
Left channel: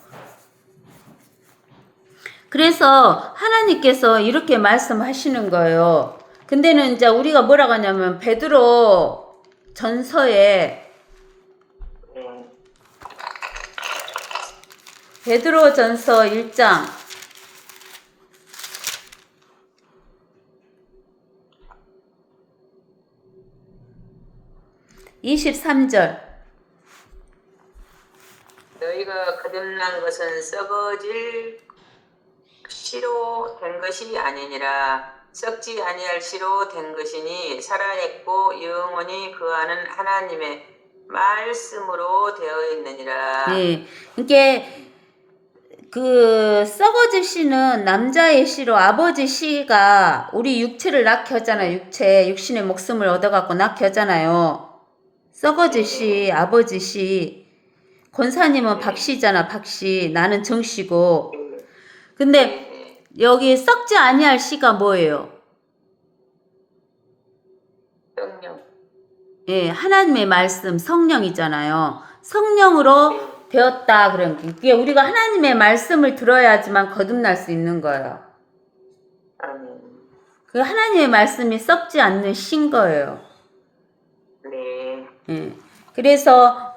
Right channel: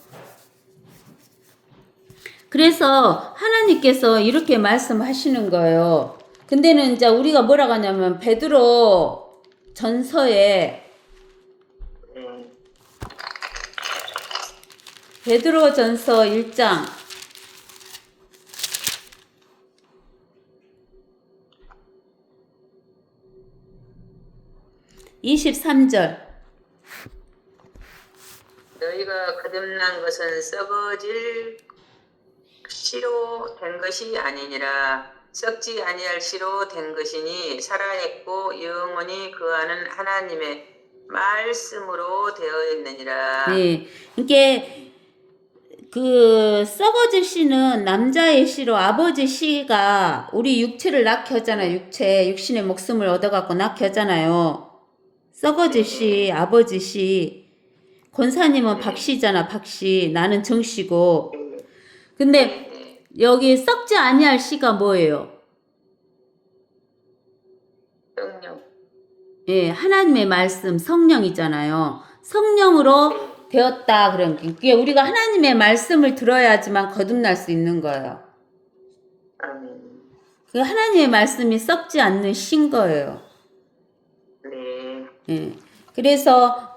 그래서 하나님께서 이렇게 말씀하시는 거예요. 근데는 이제 우리가 뭐라고 하냐면 베드로 전서에 베드로 전서 1장 23절 너희가 거듭난 것은 썩어질 씨로 된 것이 아니니라. 썩지 아니할 씨로 된 것이니 살아있고 영원히 거하는 하나님의 말씀으로 되어 있느니라. 네, 이게 그 썩어질 씨는 남자의 씨로 아버지 씨가 우리 육체를 낳게 하잖아요. 육신의 목숨을 얻어갖고 낳게 하잖아요. 썩어질 씨, 아버지 씨. 권사님은 박씨잖아, 박씨. 나는 정씨고. 근데 여기 썩지 아니할 씨가 뭐예요? 성령. 예, 하나님의 말씀, 성령이잖아요. 성령으로 되었다. 그러니까 우리가 하나님의 말씀을 들어야지만 거듭날 수 있는 거예요. 그 하나님의 말씀이 썩지 않는 신 거예요. 네. 그래서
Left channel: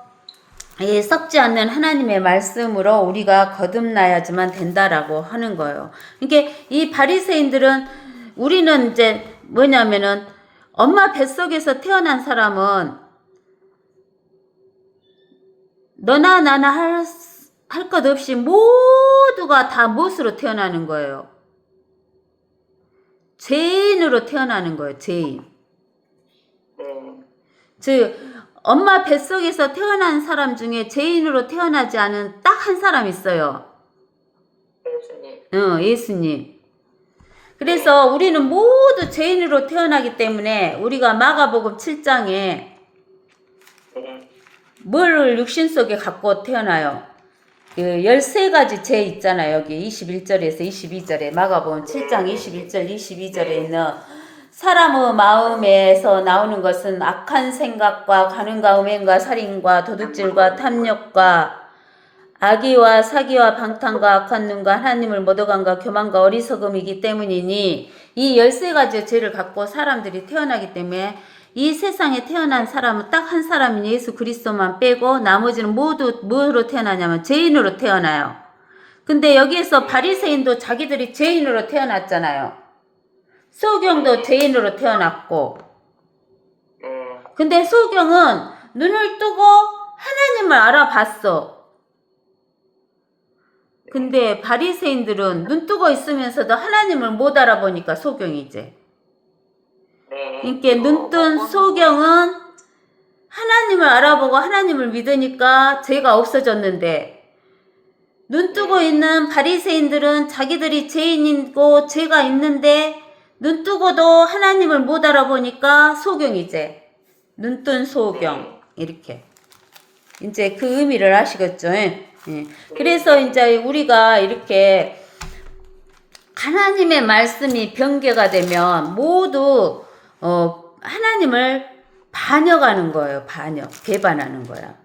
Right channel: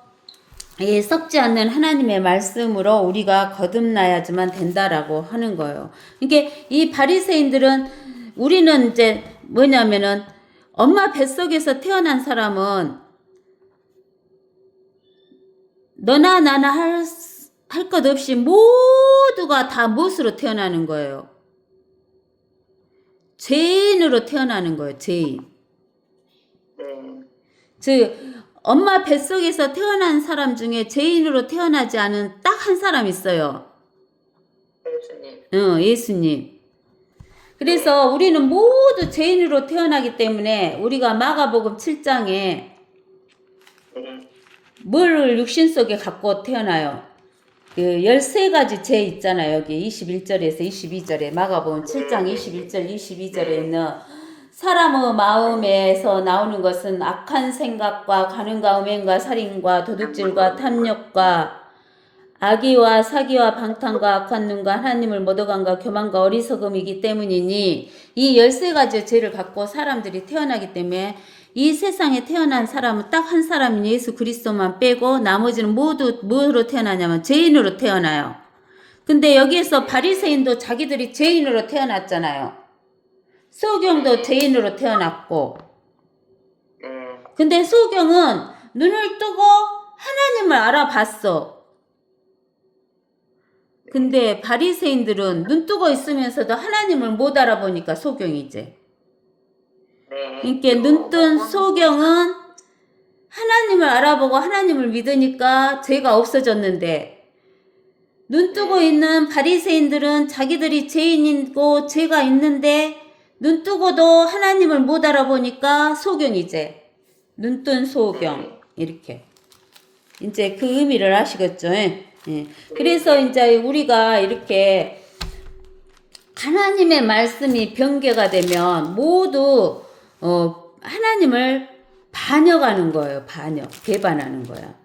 이 썩지 않는 하나님의 말씀으로 우리가 거듭나야지만 된다라고 하는 거예요. 이게 이 바리새인들은 우리는 이제 뭐냐면은 엄마 뱃속에서 태어난 사람은 너나 나나 할 것 없이 모두가 다 무엇으로 태어나는 거예요? 죄인으로 태어나는 거예요. 죄인. 네. 즉 엄마 뱃속에서 태어난 사람 중에 죄인으로 태어나지 않은 딱 한 사람 있어요. 예수님. 예수님. 그래서 우리는 모두 죄인으로 태어나기 때문에 우리가 마가복음 7장에 네. 뭘 육신 속에 갖고 태어나요? 그 13가지 죄 있잖아요. 여기 21절에서 22절에 마가복음 7장 21절 22절에 있는 사람의 마음에서 나오는 것은 악한 생각과 간음과 음행과 살인과 도둑질과 탐욕과 악의와 사기와 방탕과 악한 눈과 하나님을 못 어간과 교만과 어리석음이기 때문이니 이 13가지 죄를 갖고 사람들이 태어나기 때문에 이 세상에 태어난 사람은 딱 한 사람인 예수 그리스도만 빼고 나머지는 모두 뭐로 태어나냐면 죄인으로 태어나요. 근데 여기에서 바리새인도 자기들이 죄인으로 태어났잖아요. 소경도 죄인으로 태어났고, 네. 근데 소경은 눈을 뜨고 하나님을 알아봤어. 근데 바리새인들은 눈 뜨고 있으면서도 하나님을 못 알아보니까 소경이지. 네. 그러니까 눈 뜬 소경은 하나님을 알아보고 하나님을 믿으니까 죄가 없어졌는데, 눈 뜨고 있는 바리새인들은 자기들이 죄인이고 죄가 있는데 눈 뜨고도 하나님을 못 알아보니까 소경이지. 눈 뜬 소경. 이렇게. 이제 그 의미를 아시겠죠? 예. 그래서 이제 우리가 이렇게 하나님의 말씀이 변개가 되면 모두 하나님을 반역하는 거예요. 배반하는 거야.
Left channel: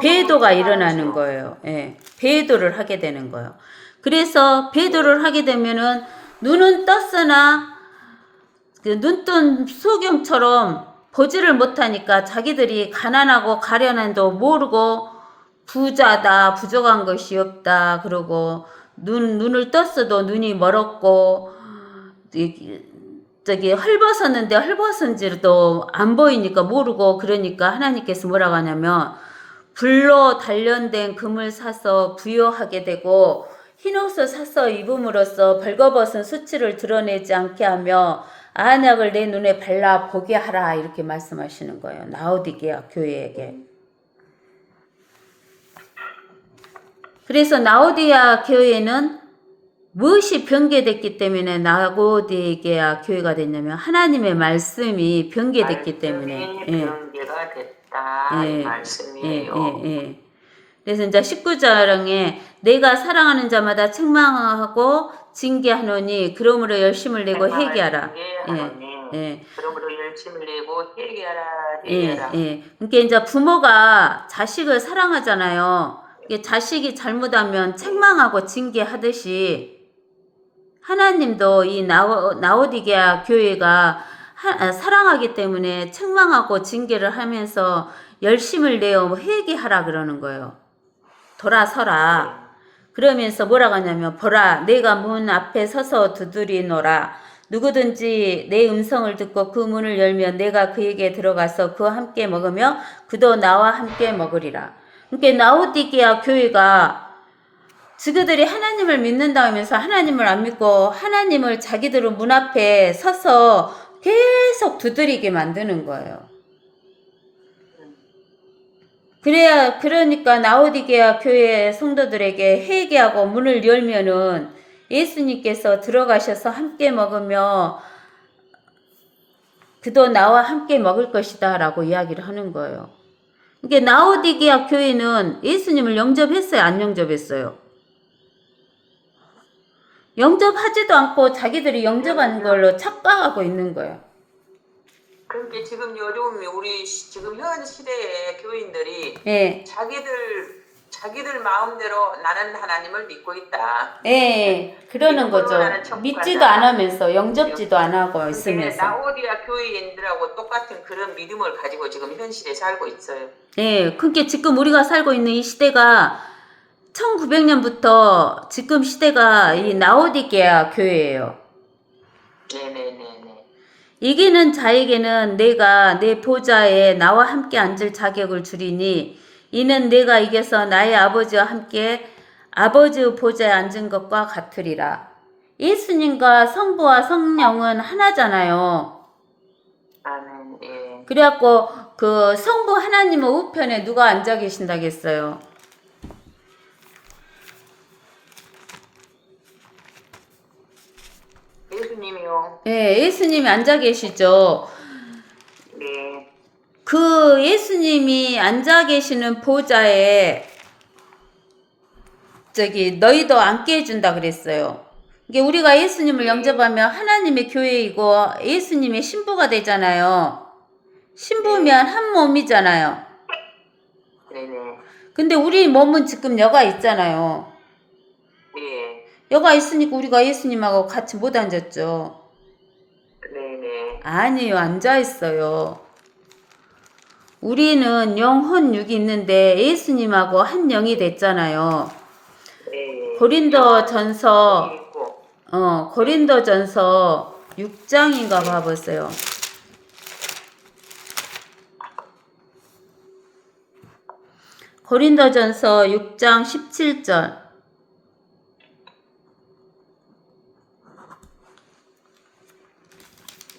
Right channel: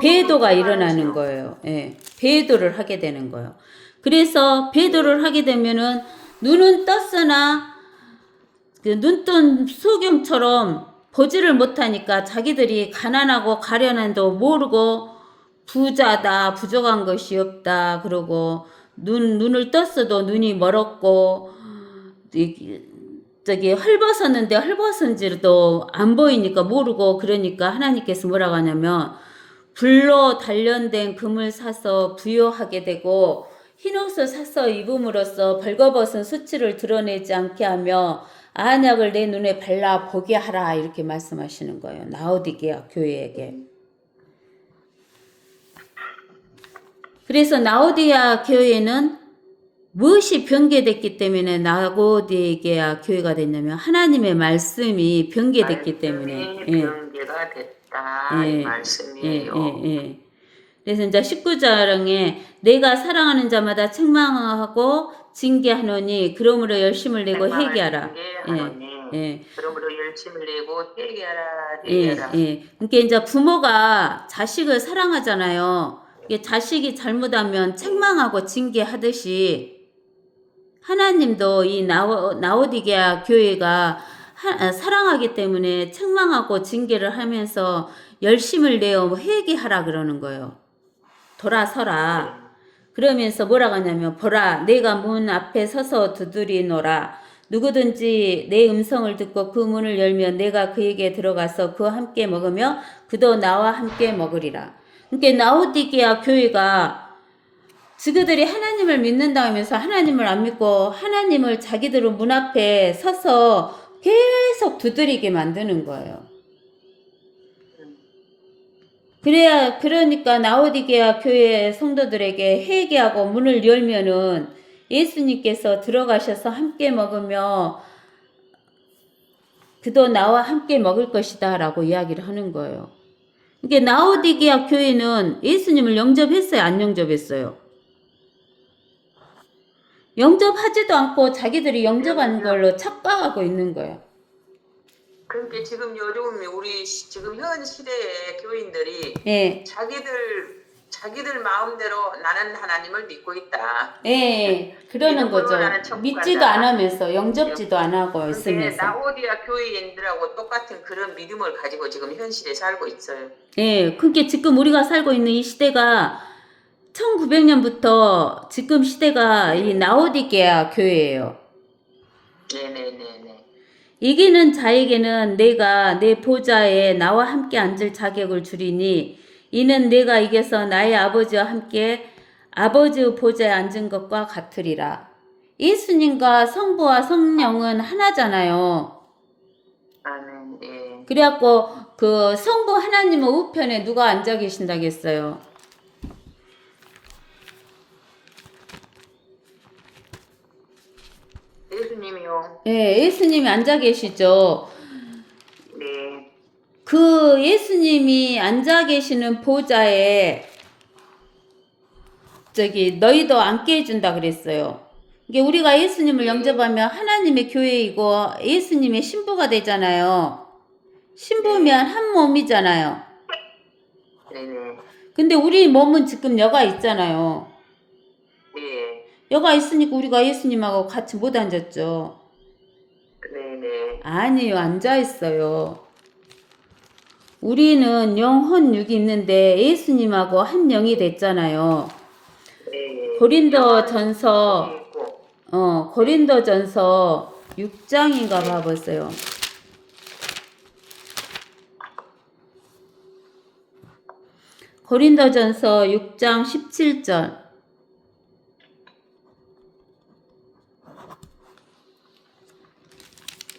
배도가 일어나는 거예요. 예. 배도를 하게 되는 거예요. 그래서 배도를 하게 되면은 눈은 떴으나 그 눈뜬 소경처럼 보지를 못하니까 자기들이 가난하고 가련한도 모르고 부자다, 부족한 것이 없다, 그러고 눈을 떴어도 눈이 멀었고 저기 헐벗었는데 헐벗은지도 안 보이니까 모르고 그러니까 하나님께서 뭐라고 하냐면 불로 단련된 금을 사서 부여하게 되고 흰옷을 사서 입음으로써 벌거벗은 수치를 드러내지 않게 하며 안약을 내 눈에 발라 보게 하라 이렇게 말씀하시는 거예요. 라오디게아 교회에게. 그래서 라오디게아 교회는 무엇이 변개됐기 때문에 라오디게아 교회가 됐냐면 하나님의 말씀이 변개됐기 때문에 변개가 됐다 이 말씀이에요. 그래서 이제 19장에 내가 사랑하는 자마다 책망하고 징계하노니 그러므로 열심을 내고 회개하라. 그러므로 열심을 내고 회개하라. 그러니까 이제 부모가 자식을 사랑하잖아요. 자식이 잘못하면 책망하고 징계하듯이 하나님도 이 라오디게아 교회가 사랑하기 때문에 책망하고 징계를 하면서 열심을 내어 회개하라 그러는 거예요. 돌아서라. 그러면서 뭐라고 하냐면 보라 내가 문 앞에 서서 두드리노라. 누구든지 내 음성을 듣고 그 문을 열면 내가 그에게 들어가서 그와 함께 먹으며 그도 나와 함께 먹으리라. 그러니까 라오디게아 교회가 그들이 하나님을 믿는다 하면서 하나님을 안 믿고 하나님을 자기들의 문 앞에 서서 계속 두드리게 만드는 거예요. 그러니까 라오디게아 교회 성도들에게 회개하고 문을 열면은 예수님께서 들어가셔서 함께 먹으며 그도 나와 함께 먹을 것이다 라고 이야기를 하는 거예요. 그러니까 라오디게아 교회는 예수님을 영접했어요? 안 영접했어요? 영접하지도 않고 자기들이 영접하는 걸로 착각하고 있는 거예요. 그러니까 지금 요즘 우리 지금 현 시대의 교인들이 예. 자기들 자기들 마음대로 나는 하나님을 믿고 있다. 예, 그러는 믿음으로 거죠. 나는 천국 믿지도 간다. 않으면서 영접지도 안 하고 그게 있으면서. 라오디아 교회인들하고 똑같은 그런 믿음을 가지고 지금 현실에 살고 있어요. 예, 그게 지금 우리가 살고 있는 이 시대가 1900년부터 지금 시대가 이 라오디게아 교회예요. 네네네네. 이기는 자에게는 내가 내 보좌에 나와 함께 앉을 자격을 주리니 이는 내가 이겨서 나의 아버지와 함께 아버지의 보좌에 앉은 것과 같으리라. 예수님과 성부와 성령은 하나잖아요. 아멘. 예. 그래갖고 그 성부 하나님의 우편에 누가 앉아 계신다겠어요? 예수님이요. 예, 예수님이 앉아 계시죠. 네. 그 예수님이 앉아 계시는 보좌에 저기 너희도 앉게 해준다 그랬어요. 이게 우리가 예수님을 영접하면 하나님의 교회이고 예수님의 신부가 되잖아요. 신부면 한 몸이잖아요. 네네. 근데 우리 몸은 지금 여가 있잖아요. 예. 여가 있으니까 우리가 예수님하고 같이 못 앉았죠. 네네. 아니요, 앉아 있어요. 우리는 영혼 육이 있는데 예수님하고 한 영이 됐잖아요. 네. 고린도전서 있고. 고린도전서 6장인가 봐보세요. 고린도전서 6장 17절.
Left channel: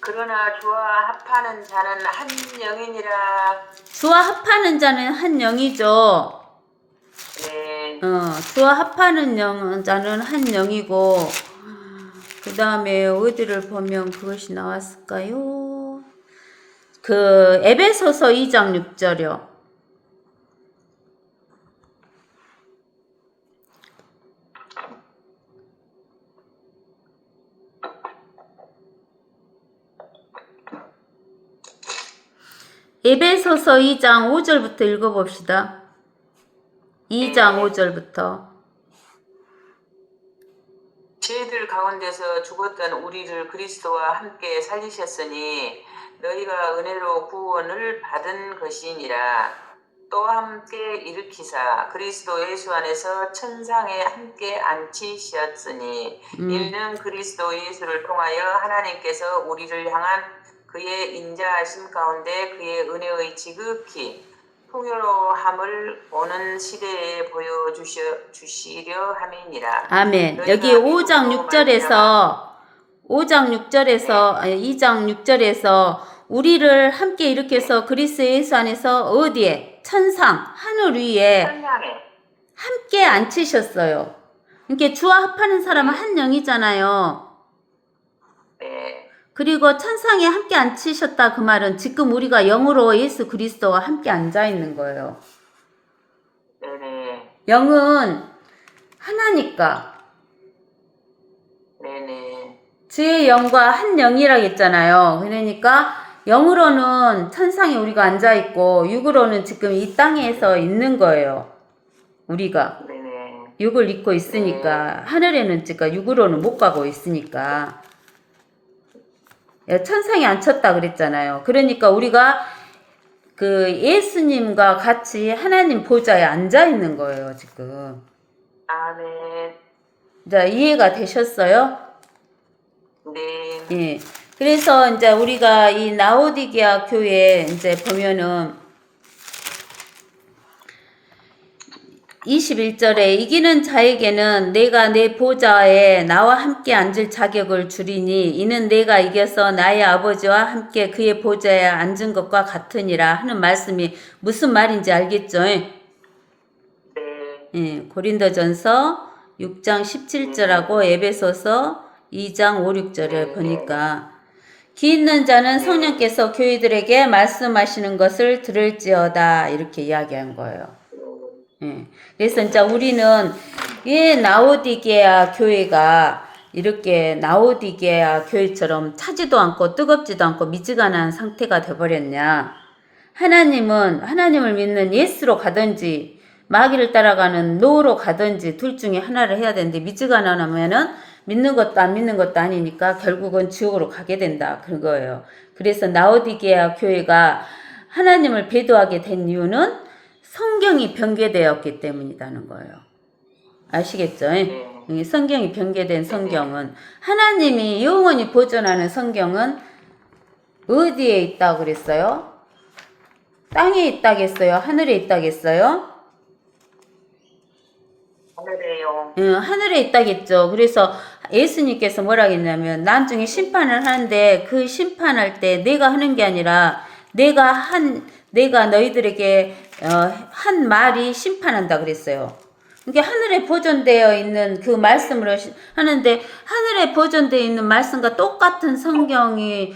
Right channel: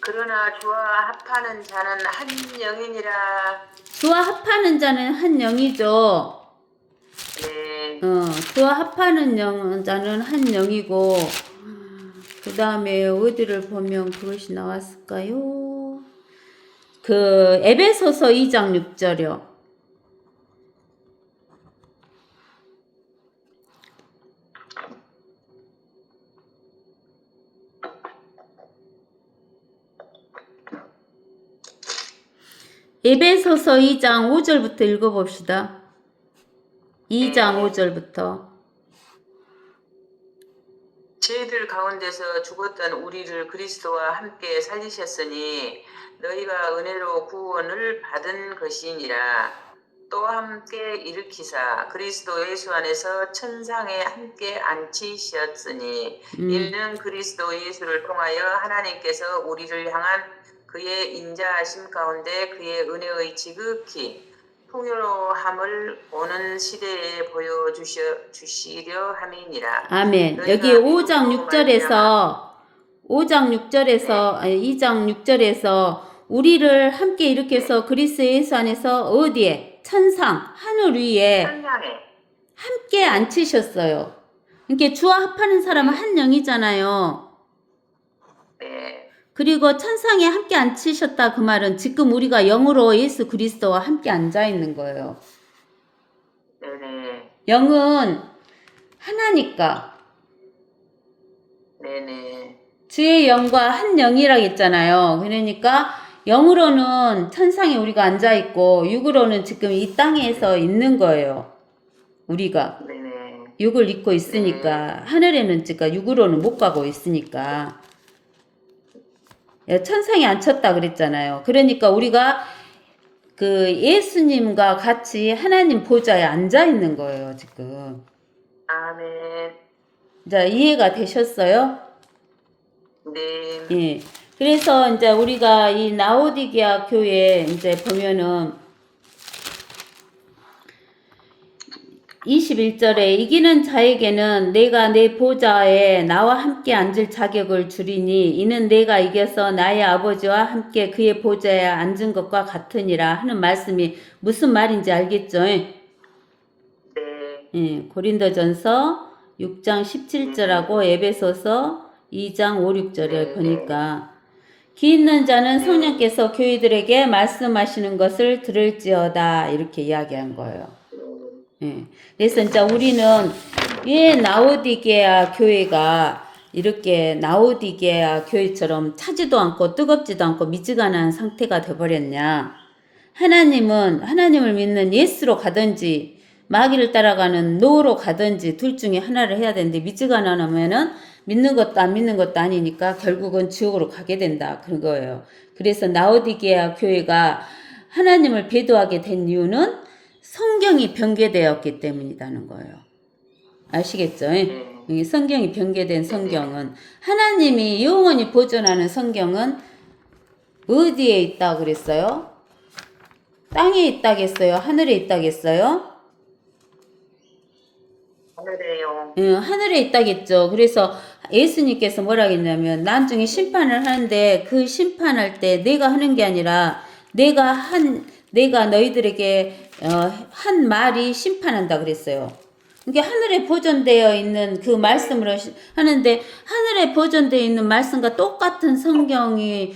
그러나 주와 합하는 자는 한 영이니라. 주와 합하는 자는 한 영이죠. 네. 주와 합하는 자는 한 영이고, 그 다음에 어디를 보면 그것이 나왔을까요? 그 에베소서 2장 6절이요. 에베소서 2장 5절부터 읽어봅시다. 2장 5절부터. 죄들 가운데서 죽었던 우리를 그리스도와 함께 살리셨으니 너희가 은혜로 구원을 받은 것이니라. 또 함께 일으키사 그리스도 예수 안에서 천상에 함께 앉히셨으니 이는 그리스도 예수를 통하여 하나님께서 우리를 향한 그의 인자하심 가운데 그의 은혜의 지극히 풍요로움을 오는 시대에 보여주시려 함이니라. 아멘. 여기 5장 6절에서 2장 6절에서 우리를 함께 일으켜서 그리스도 예수 안에서 어디에? 천상, 하늘 위에 함께 앉히셨어요. 그러니까 주와 합하는 사람은 한 영이잖아요. 네. 그리고 천상에 함께 앉히셨다 그 말은 지금 우리가 영으로 예수 그리스도와 함께 앉아 있는 거예요. 네네. 영은 하나니까. 네네. 주의 영과 한 영이라고 했잖아요. 그러니까 영으로는 천상에 우리가 앉아 있고 육으로는 지금 이 땅에서 있는 거예요. 우리가. 네네. 육을 입고 있으니까 하늘에는 지금 육으로는 못 가고 있으니까. 천상에 앉혔다 그랬잖아요. 그러니까 우리가 그 예수님과 같이 하나님 보좌에 앉아 있는 거예요, 지금. 아멘. 자, 이해가 되셨어요? 네. 예. 그래서 이제 우리가 이 라오디게아 교회 이제 보면은 21절에 이기는 자에게는 내가 내 보좌에 나와 함께 앉을 자격을 주리니 이는 내가 이겨서 나의 아버지와 함께 그의 보좌에 앉은 것과 같으니라 하는 말씀이 무슨 말인지 알겠죠? 네. 예, 고린도전서 6장 17절하고 에베소서 2장 5, 6절을 보니까 귀 있는 자는 성령께서 교회들에게 말씀하시는 것을 들을지어다 이렇게 이야기한 거예요. 예. 그래서 이제 우리는 왜 라오디게아 교회가 이렇게 라오디게아 교회처럼 차지도 않고 뜨겁지도 않고 미지근한 상태가 돼버렸냐? 하나님을 믿는 예수로 가든지 마귀를 따라가는 노로 가든지 둘 중에 하나를 해야 되는데 믿지가 않으면은 믿는 것도 안 믿는 것도 아니니까 결국은 지옥으로 가게 된다. 그런 거예요. 그래서 라오디게아 교회가 하나님을 배도하게 된 이유는 성경이 변개되었기 때문이라는 거예요. 아시겠죠? 이 성경이 변개된 성경은 하나님이 영원히 보존하는 성경은 어디에 있다고 그랬어요? 땅에 있다겠어요? 하늘에 있다겠어요? 하늘에요. 하늘에 있다겠죠. 그래서 예수님께서 뭐라 했냐면 나중에 심판을 하는데 그 심판할 때 내가 하는 게 아니라 내가 너희들에게 한 말이 심판한다 그랬어요. 이게 하늘에 보존되어 있는 그 말씀을 하는데 하늘에 보존되어 있는 말씀과 똑같은 성경이는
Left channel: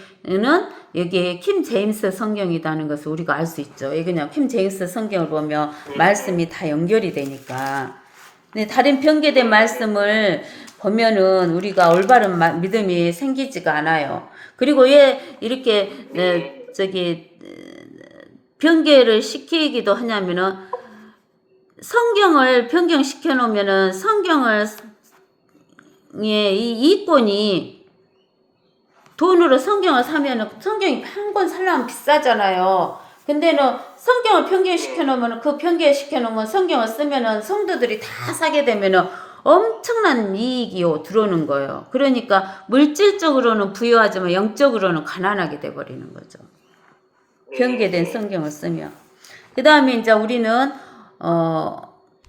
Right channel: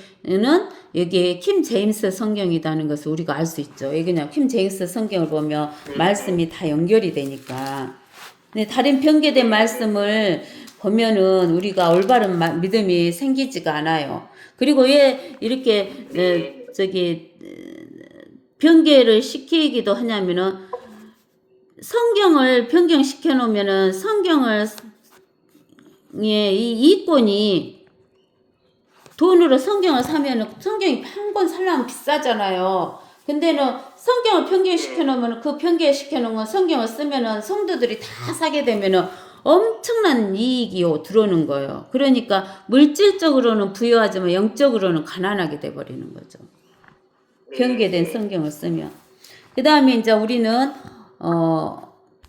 여기에 킴 제임스 성경이라는 것을 우리가 알 수 있죠. 그냥 킴 제임스 성경을 보면 말씀이 다 연결이 되니까. 근데 다른 변개된 말씀을 보면은 우리가 올바른 믿음이 생기지가 않아요. 그리고 왜 이렇게 변개를 시키기도 하냐면은 성경을 변경시켜 놓으면은 이 이권이 돈으로 성경을 사면은 성경이 한 권 살려면 비싸잖아요. 근데는 성경을 변경시켜 놓으면 그 변경시켜 놓으면 성경을 쓰면은 성도들이 다 사게 되면은 엄청난 이익이 들어오는 거예요. 그러니까 물질적으로는 부유하지만 영적으로는 가난하게 돼 버리는 거죠. 변개된 성경을 쓰면. 그 다음에 이제 우리는